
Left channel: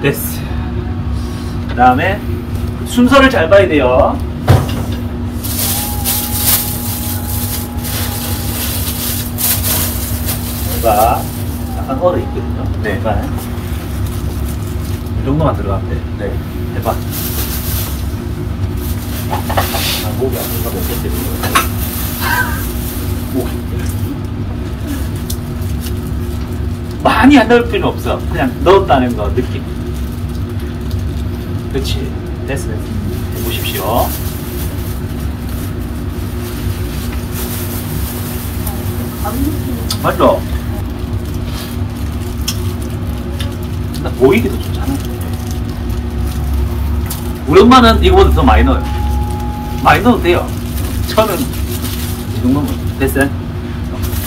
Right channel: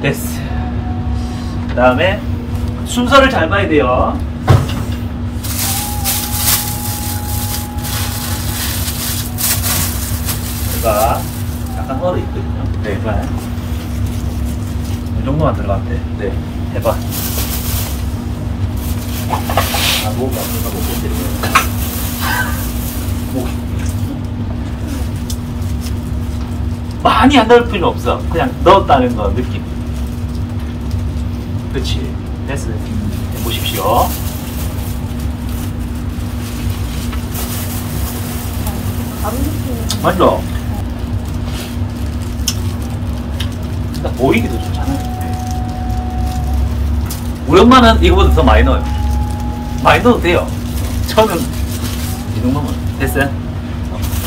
됐어. 그 다음에, 순서를 잘 봐야 돼요. 가 약간 얼어 있거든요. 네. 해봐. 이 정도만 들어가면 돼. 네. 해봐. 목이 아프니까 못 버티고요. 목이. 많이 안 넣을 필요는 없어. 그냥 넣었다는 거 느낌. 그렇지. 됐어. 해보십시오. 맞죠? 근데 보이기도 좋잖아요. 우리 엄마는 이거보다 더 많이 넣어요. 많이 넣어도 돼요. 저는 이 정도면 됐어요?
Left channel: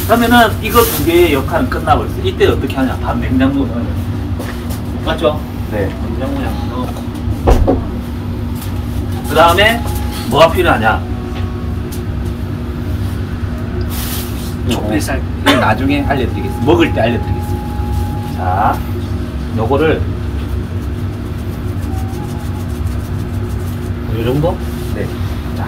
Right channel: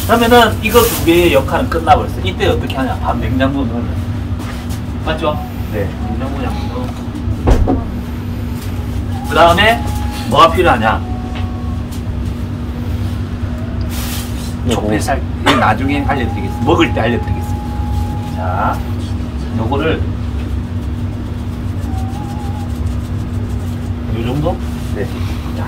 그러면은 이거 두 개의 역할은 끝나고 있어요. 이때 어떻게 하냐? 밥 냉장고에 넣어요. 맞죠? 네. 냉장고에 한번 넣어. 그 다음에 뭐가 필요하냐? 촉배살 나중에 알려드리겠습니다. 먹을 때 알려드리겠습니다. 자, 요거를 요 정도? 네. 자,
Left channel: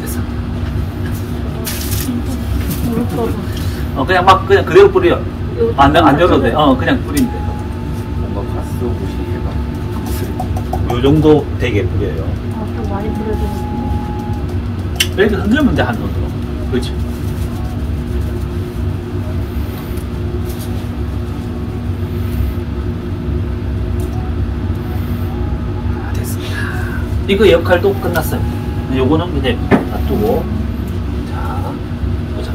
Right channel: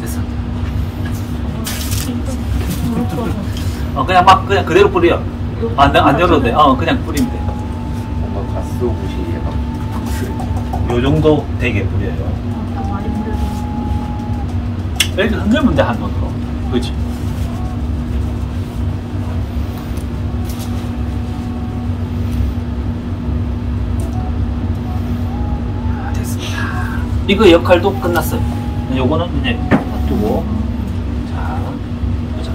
됐어. 그냥 막 그냥 그대로 뿌려. 안 열어도 돼. 그냥 뿌리면 돼. 뭔가 가스오브시 요 정도 되게 뿌려요. 좀 많이 뿌려주는. 애들 흔들면 돼, 한 번. 그렇지. 됐습니다. 이거 역할도 끝났어요. 요거는 이제 놔두고. 자, 보자.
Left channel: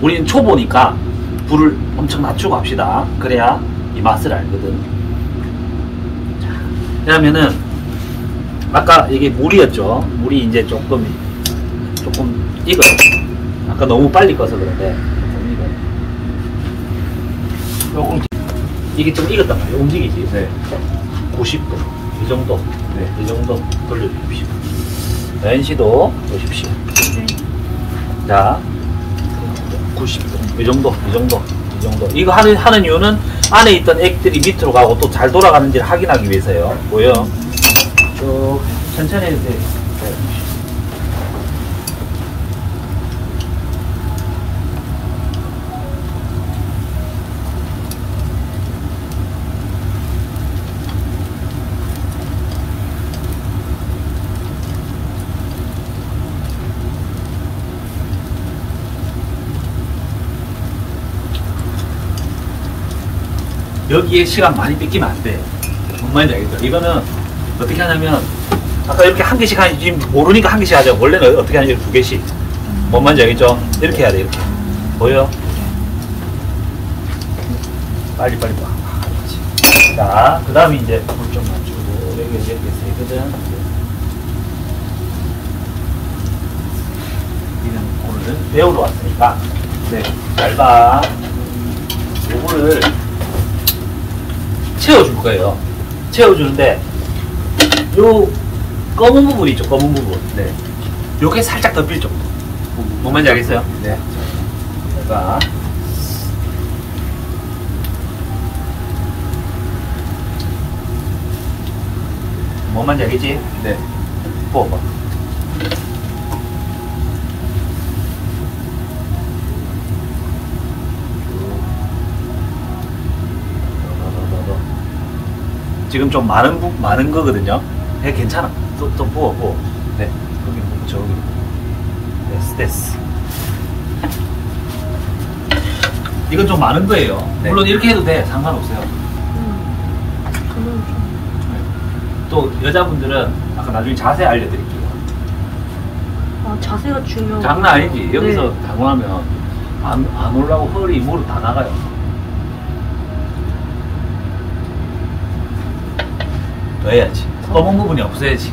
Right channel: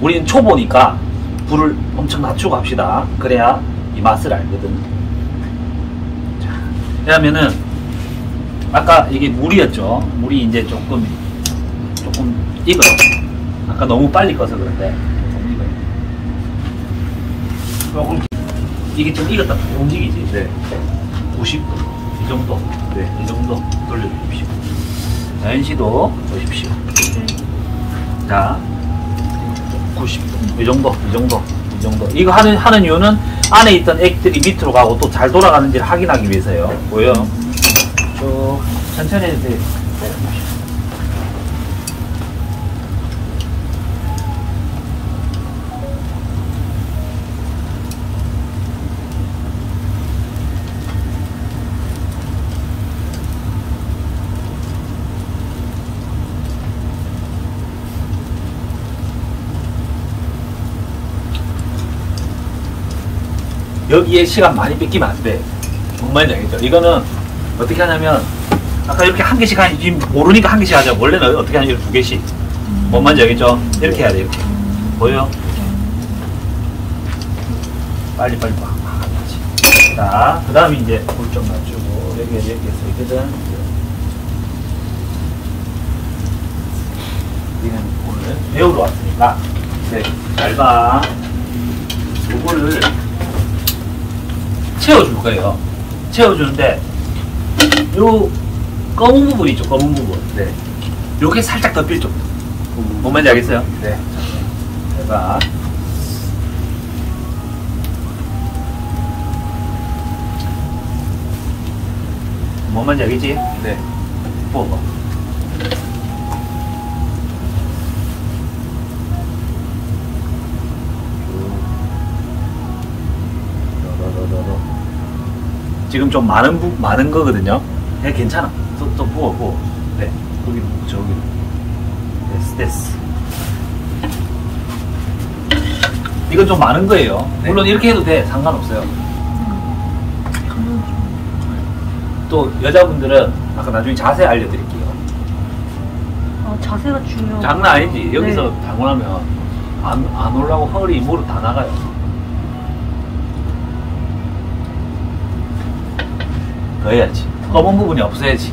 우리는 초보니까 불을 엄청 낮추고 합시다. 그래야 이 맛을 알거든. 자, 그러면은 아까 이게 물이었죠. 물이 이제 조금 익어요. 아까 너무 빨리 꺼서 그런데 조금 이게 좀 익었단 말이에요. 움직이지. 네. 90도 이 정도. 네. 이 정도 돌려주십시오. 연시도 보십시오. 자, 90도 이 정도. 이 정도. 이거 하는 이유는 안에 있던 액들이 밑으로 가고 또 잘 돌아가는지를 확인하기 위해서요. 보여? 쭉 천천히 해도 돼. 여기에 시간 많이 뺏기면 안 돼. 뭔 말인지 알겠죠? 이거는 어떻게 하냐면, 아까 이렇게 한 개씩 하니, 지금 모르니까 한 개씩 하죠. 원래는 어떻게 하냐면 두 개씩. 뭔 말인지 알겠죠? 이렇게 해야 돼, 이렇게. 보여? 빨리 빡. 자, 그 다음에 이제 물 좀 맞추고, 여기 이제 됐거든. 우리는 오늘은 배우러 왔으니까, 네, 잘 봐. 요거를 채워줄 거예요. 채워주는데 요 검은 부분 있죠, 검은 부분. 네. 요게 살짝 덮일 정도. 뭔 말인지 알겠어요? 네. 제가 뭔 말인지 알겠지? 네. 뽑아. 지금 좀 많은 거거든요. 네, 괜찮아. 또 부어. 네. 거기로 부어, 저기로 부어. 됐어. 이건 좀 많은 거예요. 네. 물론 이렇게 해도 돼. 상관없어요. 저는 좀. 또 여자분들은 아까 나중에 자세 알려드릴게요. 아, 자세가 중요하고. 장난 아니지. 여기서 네. 당원하면 안 올라가고 허리, 무릎 다 나가요. 더 해야지. 검은 부분이 없어야지.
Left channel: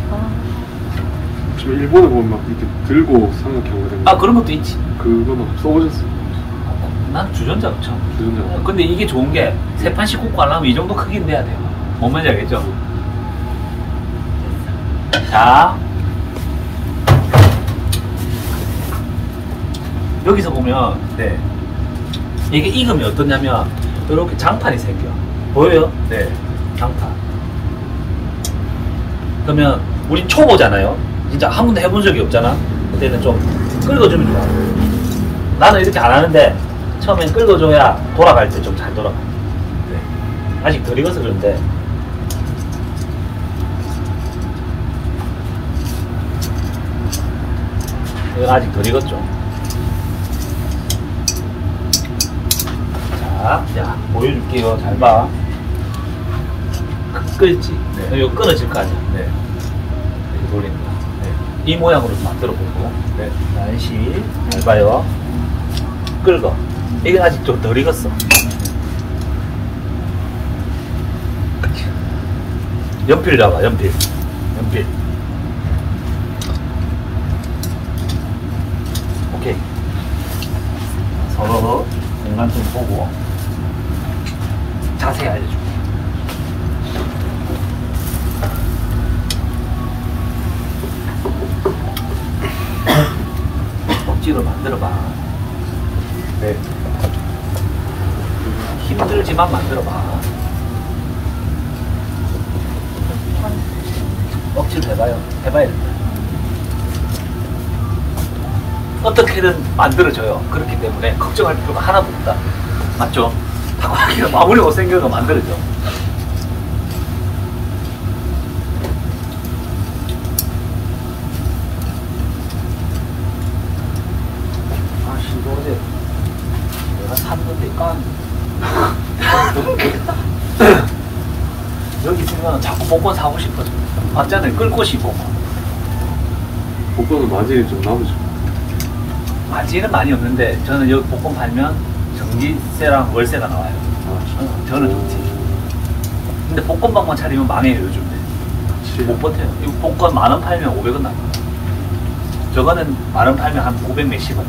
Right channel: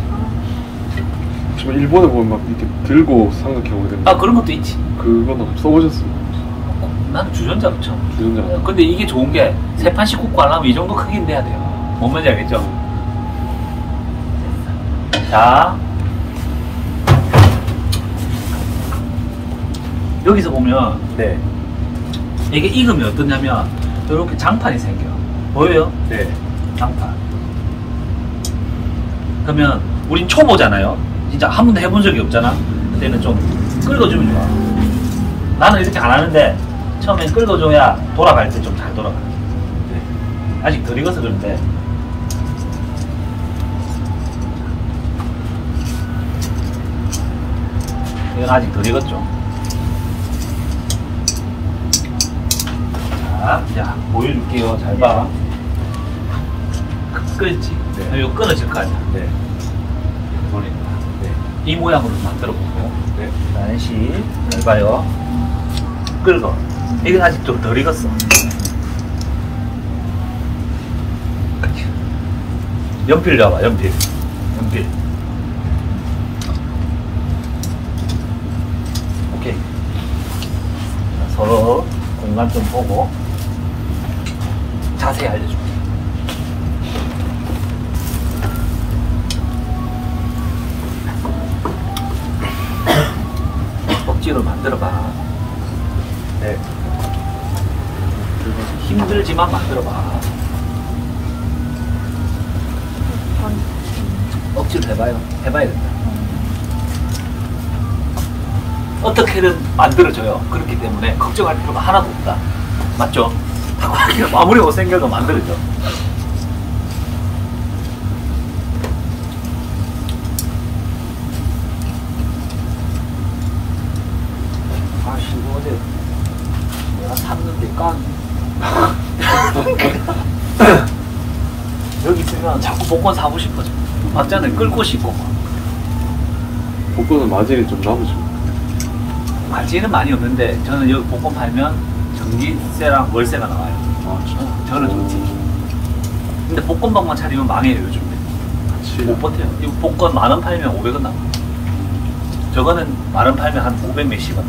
지금 일본에 보면 막 이렇게 들고 사는 경우가 있는데 아, 그런 것도 있지. 그건 써보셨어요? 난 주전자로 쳐. 주전자. 근데 이게 좋은 게 세 판씩 꽂고 하려면 이 정도 크기는 돼야 돼요. 뭔 말인지 알겠죠? 자, 여기서 보면 네. 이게 익으면 어떠냐면 이렇게 장판이 생겨. 보여요? 네. 장판. 그러면 우린 초보잖아요. 진짜 한 번도 해본 적이 없잖아. 그때는 좀 긁어주면 좋아. 나는 이렇게 안 하는데 처음엔 긁어줘야 돌아갈 때 좀 잘 돌아가. 네. 아직 덜 익어서 그런데 이건 아직 덜 익었죠. 자, 보여줄게요. 잘 봐. 끓지? 네. 이거 끊어질 거 아니야. 네. 이렇게 돌리는 거야. 네. 이 모양으로 만들어 보고. 네. 다시 잘 봐요. 끓어. 이건 아직 좀 덜 익었어. 그치. 연필 잡아, 연필. 오케이. 서로 공간 좀 보고 자세히 알려줄게. 억지로 만들어봐. 네. 힘들지만 만들어봐. 억지로 해봐요. 해봐야 돼. 어떻게든 만들어져요. 그렇기 때문에 걱정할 필요가 하나도 없다. 맞죠? 타코야키가 아무리 못생겨도 만들어져. 여기 있으면 자꾸 복권 사고 싶어져. 맞잖아요. 끌 곳이 있고. 복권은 마진이 좀 많으죠. 마진은 많이 없는데 저는 여기 복권 팔면 전기세랑 월세가 나와요. 저는 좋지. 근데 복권방만 차리면 망해요 요즘에. 못 버텨요. 이거 복권 10,000원 팔면 500원 나와요. 저거는 10,000원 팔면 한 500 몇십 원.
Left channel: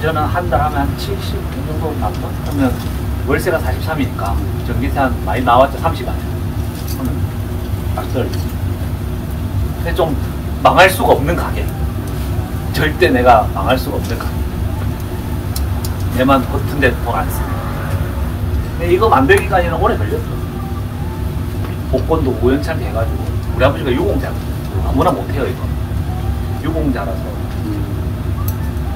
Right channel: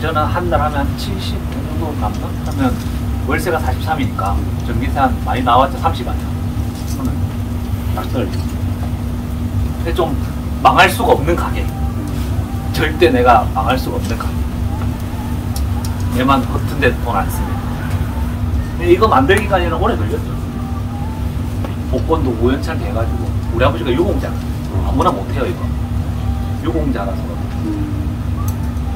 저는 한 달 하면 한 70, 그 정도 남고 하면 월세가 43이니까 전기세 한 많이 나왔죠. 30원. 맞떨리. 근데 좀 망할 수가 없는 가게. 절대 내가 망할 수가 없는 가게. 얘만 허튼데 돈 안 씁니다. 근데 이거 만들기까지는 오래 걸렸죠. 복권도 우연찮게 해가지고 우리 아버지가 유공자 아무나 못해요 이거. 유공자라서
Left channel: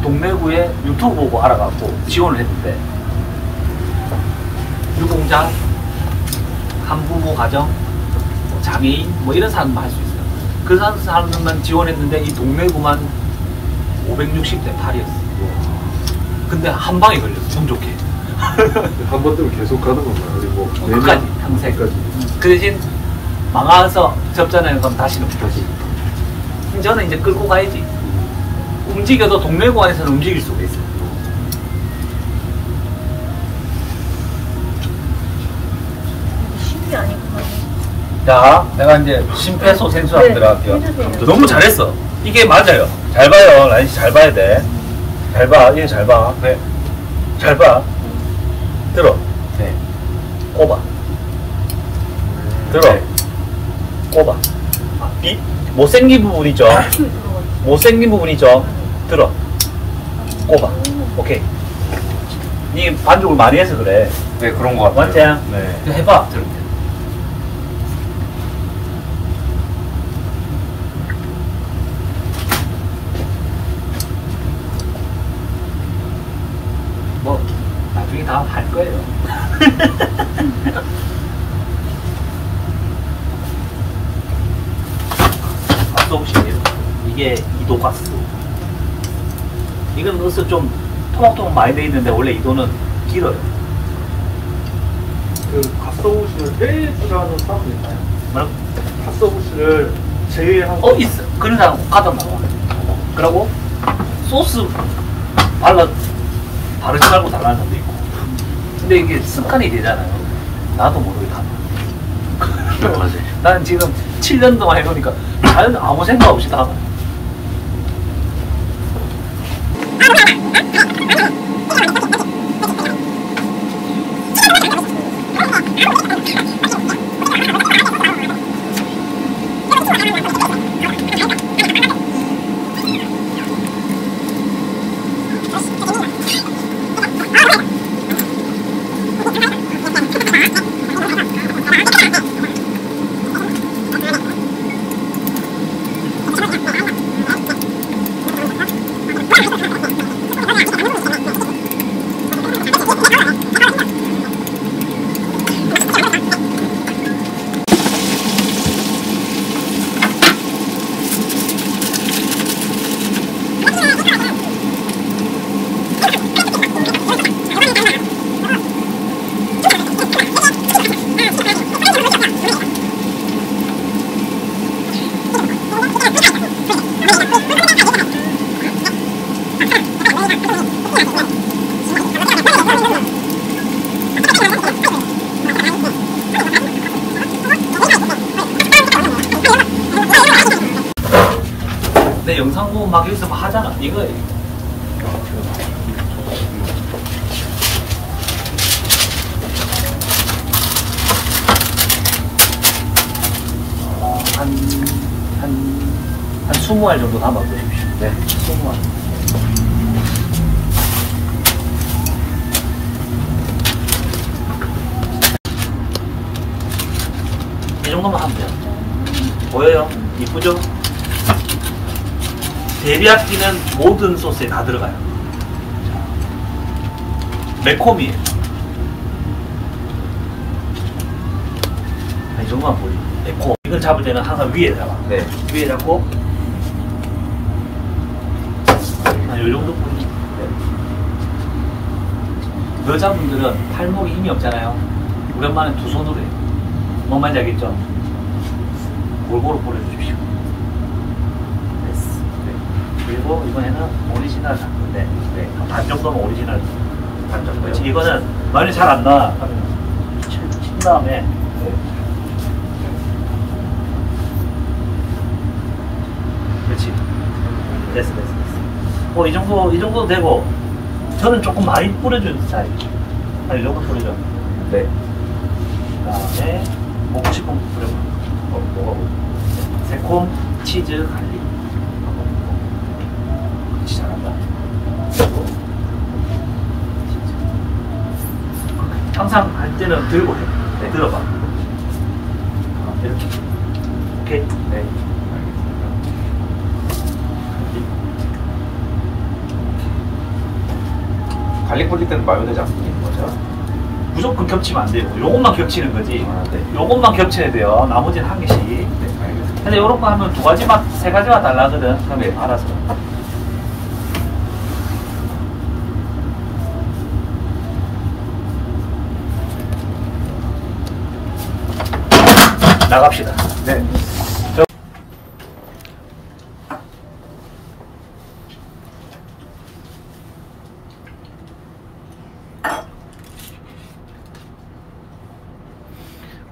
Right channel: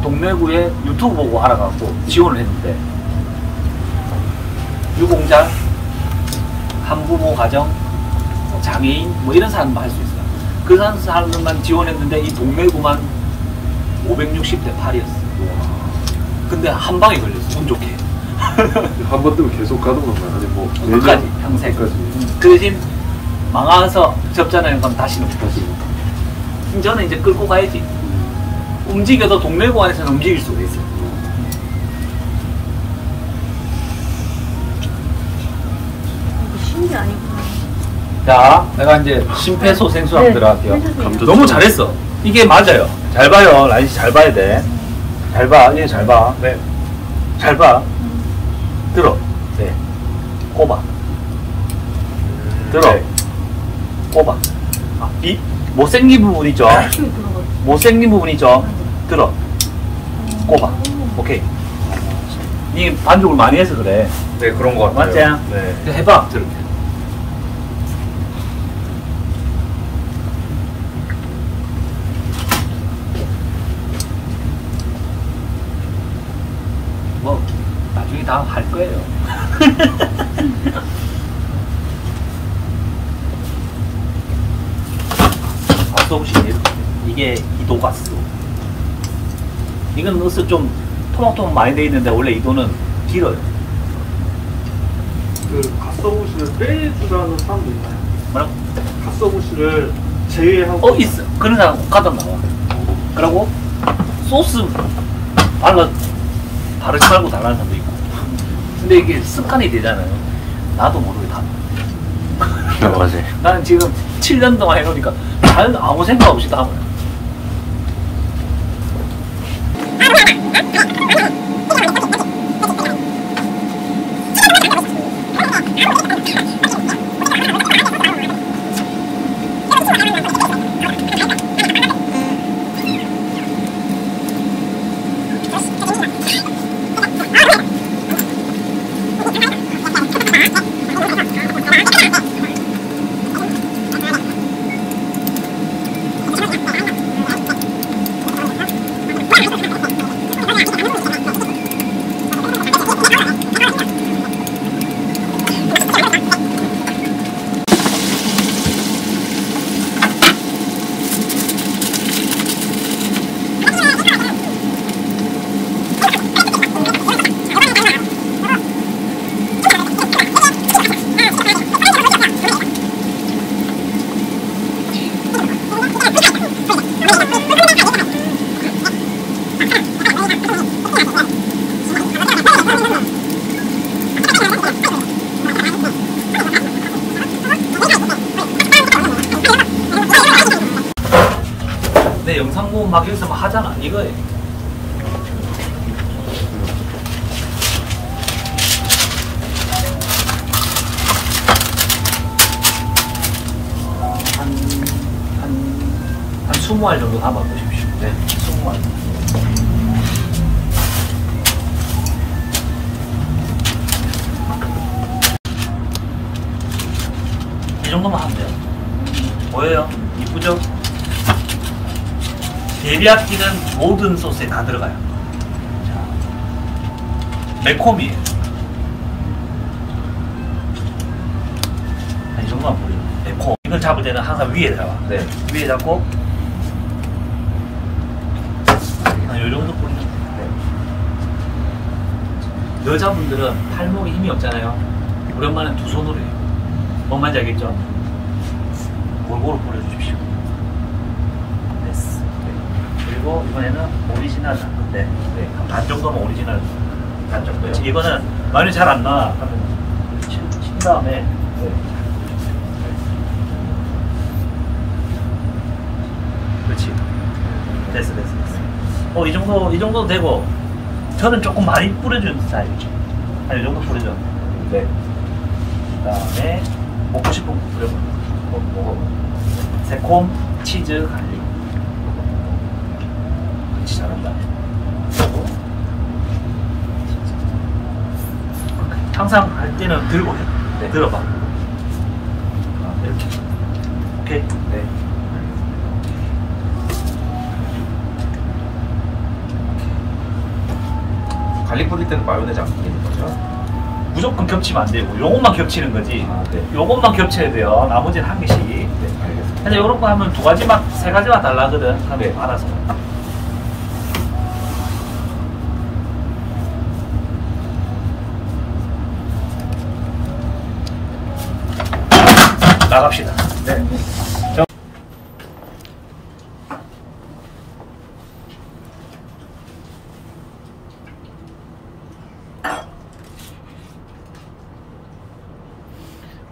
동래구에 유튜브 보고 알아갖고 지원을 했는데 유공자, 한부모 가정, 뭐 장애인 뭐 이런 사람만 할 수 있어요. 그 사람만 지원했는데 이 동래구만 560대 8이었어요. 근데 한 방에 걸렸어. 운 좋게. 한 번 뜨면 계속 가는 건가요? 아니면 뭐 끝까지 평생. 그 대신 망해서 접잖아요. 그럼 다시는 못하지. 저는 이제 끌고 가야지. 움직여도 동래구 안에서는 움직일 수가 있어요. 이게 쉬운 게 아니구나. 자, 내가 이제 심폐소생술 한번 네, 들어갈게요. 해주세요. 너무 잘했어. 이게 맞아요. 잘 봐요. 라인 씨 잘 봐야 돼. 잘 봐. 이거 잘 봐. 네. 잘 봐. 들어. 네. 꼽아. 들어. 네. 꼽아. 아, 못생긴 부분 있죠? 힘 들어갔어. 못생긴 부분 있죠? 들어. 꼽아. 오케이. 이 반죽을 많이 해서 그래. 네, 그런 것 같아요. 맞지? 네. 그냥 해봐. 들어. 뭐 나중에 다 할 거예요. 가스오브시네요. 이게 이도가스. 이건 으스 좀 토막토막 많이 돼 있는데 원래 이도는 길어요. 그 가스오브시를 빼주라는 사람도 있나요? 뭐라고? 가스오브시를 제외하고 있어. 그런 사람 갖다 먹어. 그러고 소스 바르지 말고 달라는 사람도 있고. 근데 이게 습관이 되잖아요. 나도 모르게 다. 맞아요. 나는 지금 7년 동안 해보니까 아무 생각 없이 다 하고. 내 영상 보면 막 여기서 막 하잖아. 이거예요. 한 20알 정도 담아 보십시오. 네, 20알. 이 정도만 하면 돼요. 보여요? 이쁘죠? 데리야끼는 모든 소스에 다 들어가요. 매콤이에요. 이 정도만 보리. 매콤. 이걸 잡을 때는 항상 위에 잡아. 네. 위에 잡고, 이 정도 뿌리면 돼. 여자분들은 팔목에 힘이 없잖아요. 오랜만에 두 손으로 해요. 뭔 말인지 알겠죠? 골고루 뿌려주십시오. 됐어. 네. 그리고 이번에는 오리지널 단 건데, 네. 반 정도면 오리지널 반 정도. 이거는 많이 잘 안 나. 친 다음에, 네. 그렇지. 됐어. 이 정도 되고, 저는 조금 많이 뿌려주는 스타일이죠. 이 정도 뿌려줘. 네. 그 다음에, 먹고 싶은 뿌려줘. 먹어보죠. 새콤, 치즈, 갈릭. 그렇지, 잘한다. 항상 할 때는 들고 해. 네, 들어봐. 이렇게. 오케이? 네. 갈릭 뿌릴 때는 마요네즈 안 뿌리는 거죠? 무조건 겹치면 안 돼요. 요것만 겹치는 거지. 아, 네. 요것만 겹쳐야 돼요. 나머지는 한 개씩. 네, 알겠습니다. 근데 요렇게 하면 두 가지 맛, 세 가지 맛 달라거든. 그럼 네. 알아서. 나갑시다. 네.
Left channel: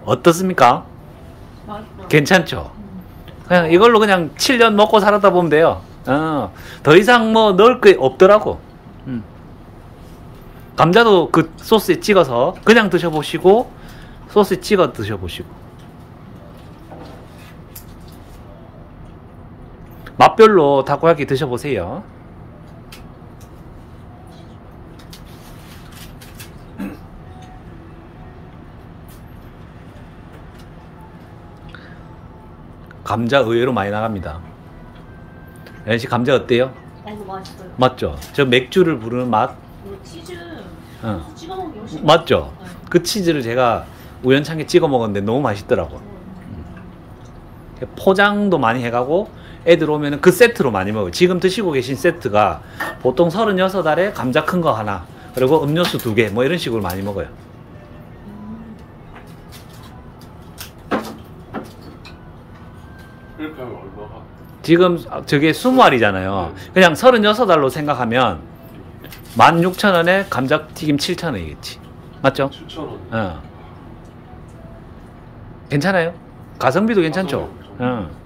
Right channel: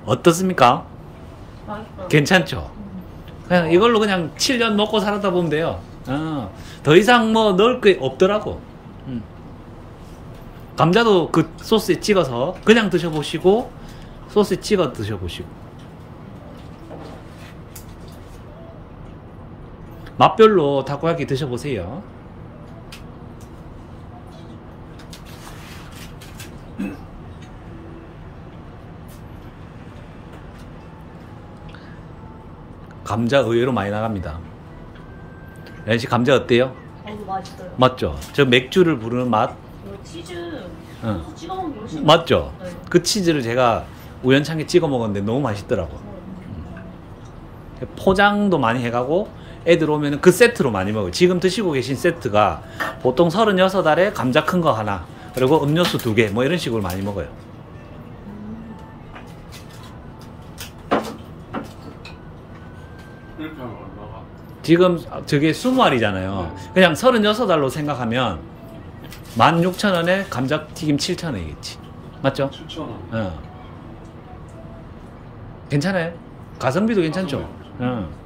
어떻습니까? 맛있어. 괜찮죠? 그냥 이걸로 그냥 7년 먹고 살았다 보면 돼요. 더 이상 뭐 넣을 게 없더라고. 감자도 그 소스에 찍어서 그냥 드셔보시고 소스에 찍어 드셔보시고 맛별로 타코야키 드셔보세요. 감자 의외로 많이 나갑니다. 연씨 감자 어때요? 이거 맛있어요. 맞죠? 저 맥주를 부르는 맛? 이거 치즈 응. 찍어 먹는 게 훨씬 맞죠? 네. 그 치즈를 제가 우연찮게 찍어 먹었는데 너무 맛있더라고. 포장도 많이 해가고 애들 오면은 그 세트로 많이 먹어요. 지금 드시고 계신 세트가 보통 36알에 감자 큰 거 하나 그리고 음료수 2개 뭐 이런 식으로 많이 먹어요. 이렇게 하면 얼마가? 지금 저게 20알이잖아요. 그냥 36알로 생각하면 16,000원에 감자튀김 7,000원이겠지. 맞죠? 7,000원. 괜찮아요? 가성비도 괜찮죠? 가성비.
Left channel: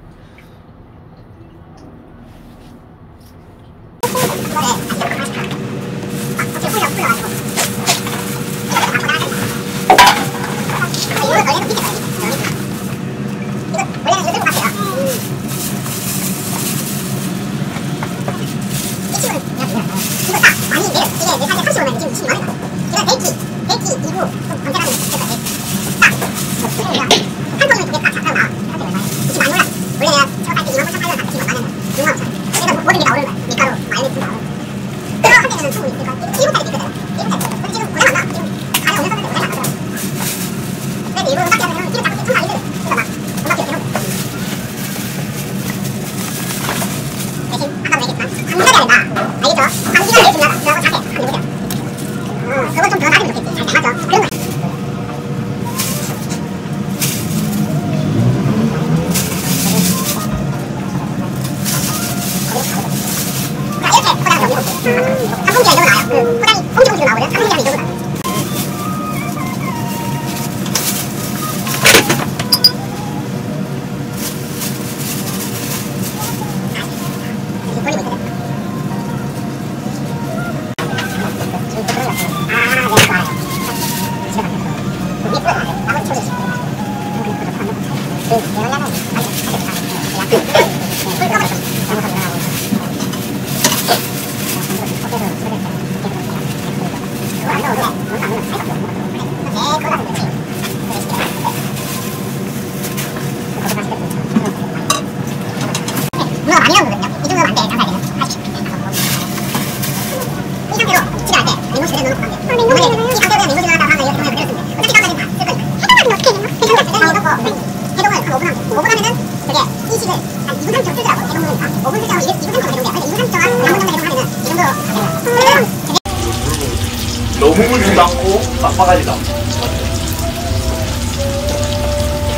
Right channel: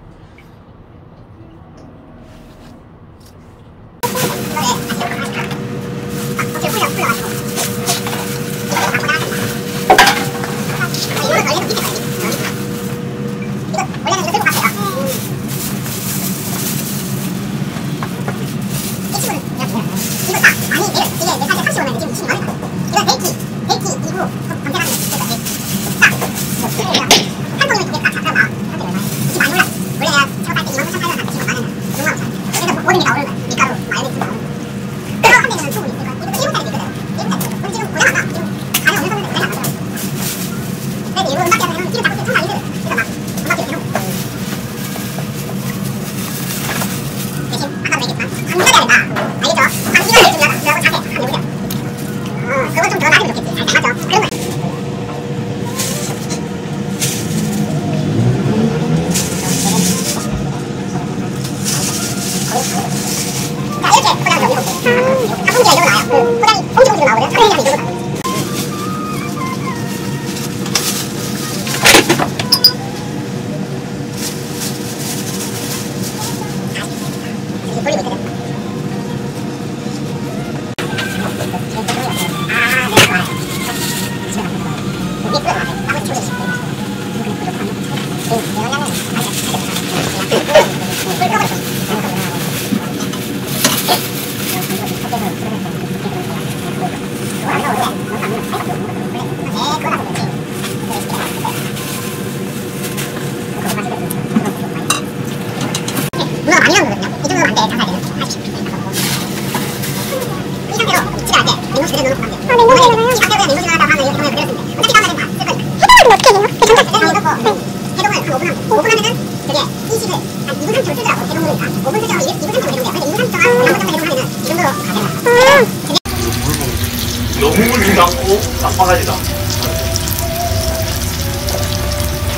너무 물지도 않고 깜빡하지도 않고.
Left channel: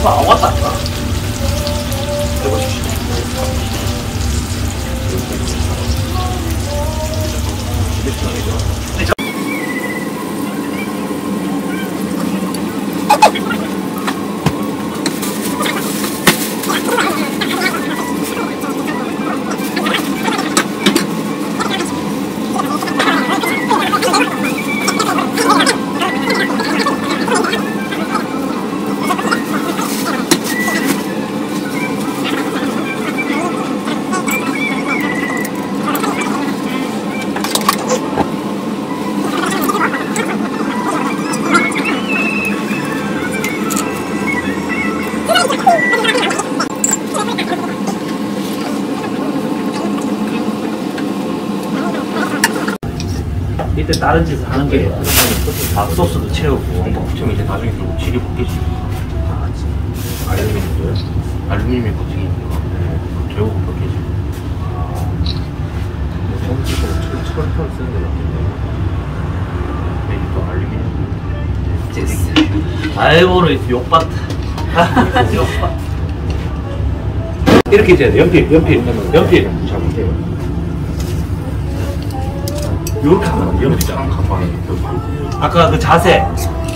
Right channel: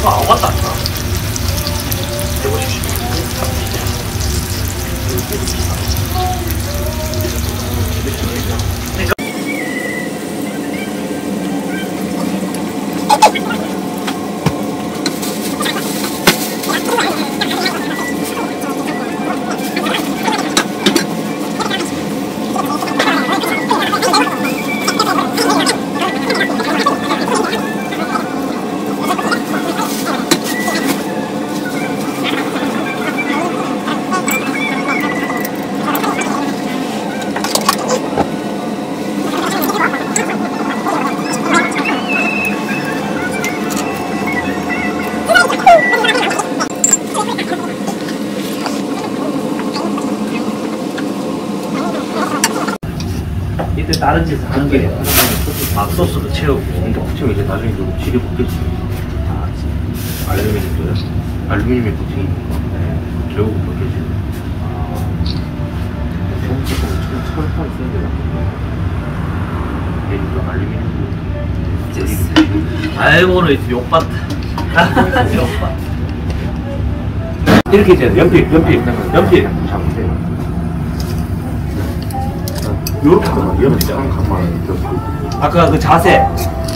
아, 맞다. 해보십시오. 다른 짓을 하는 게 밥소스도 채우고 붙이면 이제 나중에 결국 질이 벗겨지. 알루미늄도요? 알루미늄이 코팅이니까 결국은 벗겨지고. 전부 지금 철판 쓰는 게 낫겠네. 얘는 또 알루미늄. 아이고는 욕받다. 이렇게 이제 연필 잡으세요. 요렇게 하면 위험했잖아. 아까 그 자세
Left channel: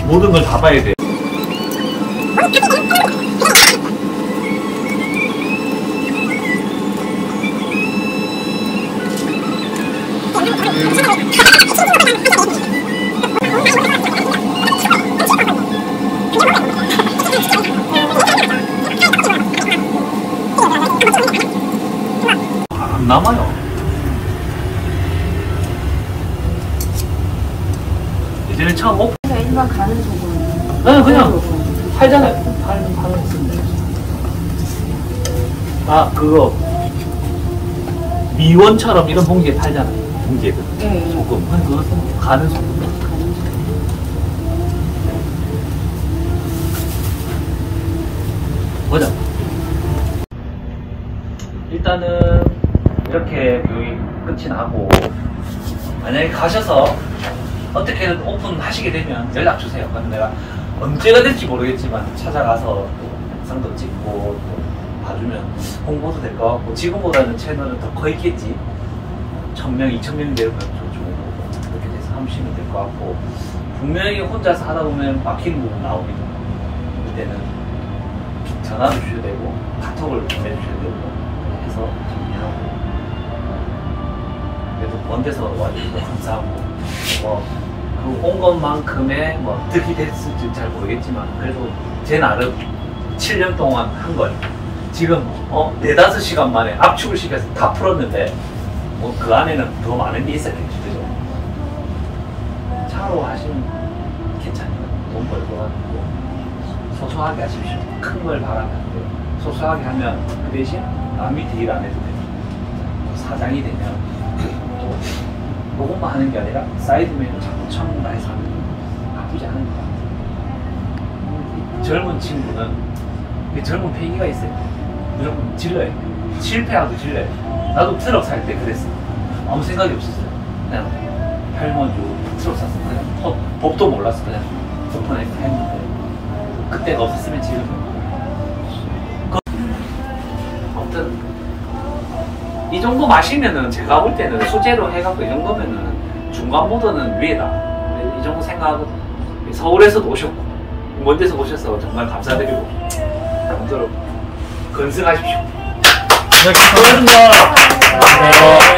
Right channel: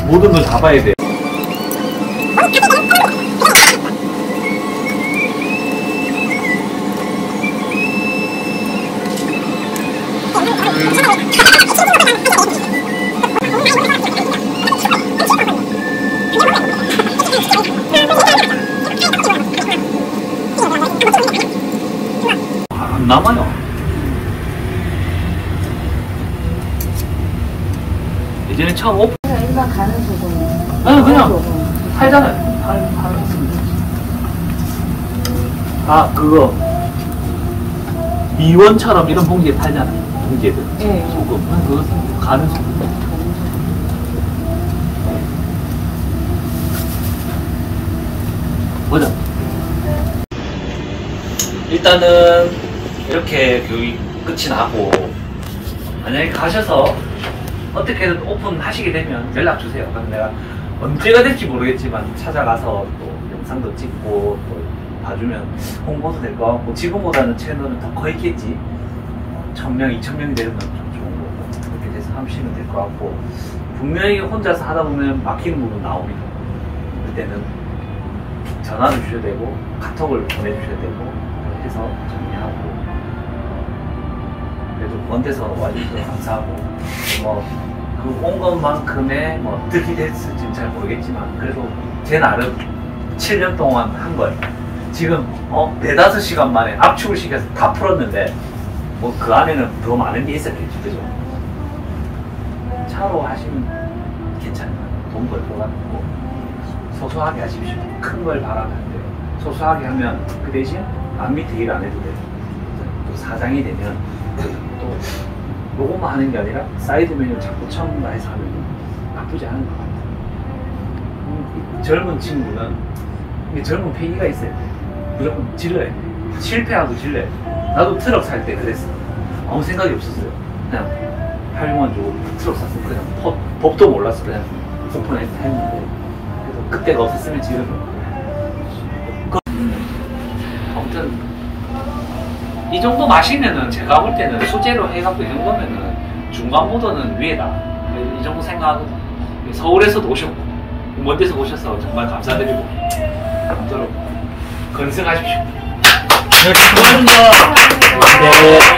모든 걸 다 봐야 돼. 안 남아요. 예전에 처음 오픈. 일반 가는 소금. 네, 그냥 팔잖아요. 아, 그거 미원처럼 이런 봉지에 팔잖아요. 봉지에도 소금. 그거 씁니다. 가는 소금. 보자. 일단은 이렇게 교육 끝이 나고 만약에 가셔서 어떻게든 오픈하시게 되면 연락 주세요. 그럼 내가 언제가 될지 모르겠지만 찾아가서 또 영상도 찍고 또 봐주면 홍보도 될 것 같고 지금보다는 채널은 더 커 있겠지. 1000명, 2000명이 되면 좀 좋은 거고 그렇게 돼서 하시면 될 것 같고 분명히 혼자서 하다 보면 막히는 부분 나옵니다. 그때는 전화를 주셔야 되고 카톡을 보내주셔야 되고 해서 정리하고 그래도 먼 데서 와주셔서 감사하고 그 온 것만큼의 득이 됐을지 잘 모르겠지만 그래도 제 나름 7년 동안 한 걸 지금 4-5시간 만에 압축을 시켜서 다 풀었는데 그 안에는 더 많은 게 있었겠죠. 그죠? 차로 하시면 괜찮아요. 돈 벌 것 같고 소소하게 하십시오. 큰 걸 바라면 안 돼요. 소소하게 하면 그 대신 남 밑에 일 안 해도 돼요. 사장이 되면 또 요것만 하는 게 아니라 사이드 메뉴를 자꾸 첨가해서 하면 나쁘지 않은 것 같아요. 이 젊은 친구는 젊은 패기가 있어요. 무조건 질러요. 실패하고 질러요. 나도 트럭 살 때 그랬어. 아무 생각이 없었어요. 그냥 8만 주고 트럭 샀어. 그냥 법도 몰랐어. 그냥 오픈해 했는데 그때가 없었으면 지금이 없고. 아무튼 이 정도 마시면은 제가 볼 때는 수제로 해갖고 이 정도면은 중간보다는 위에다. 이 정도 생각하거든. 서울에서도 오셨고 먼 데서 오셔서 정말 감사드리고 아무쪼록 건승하십시오. 고맙습니다. 네.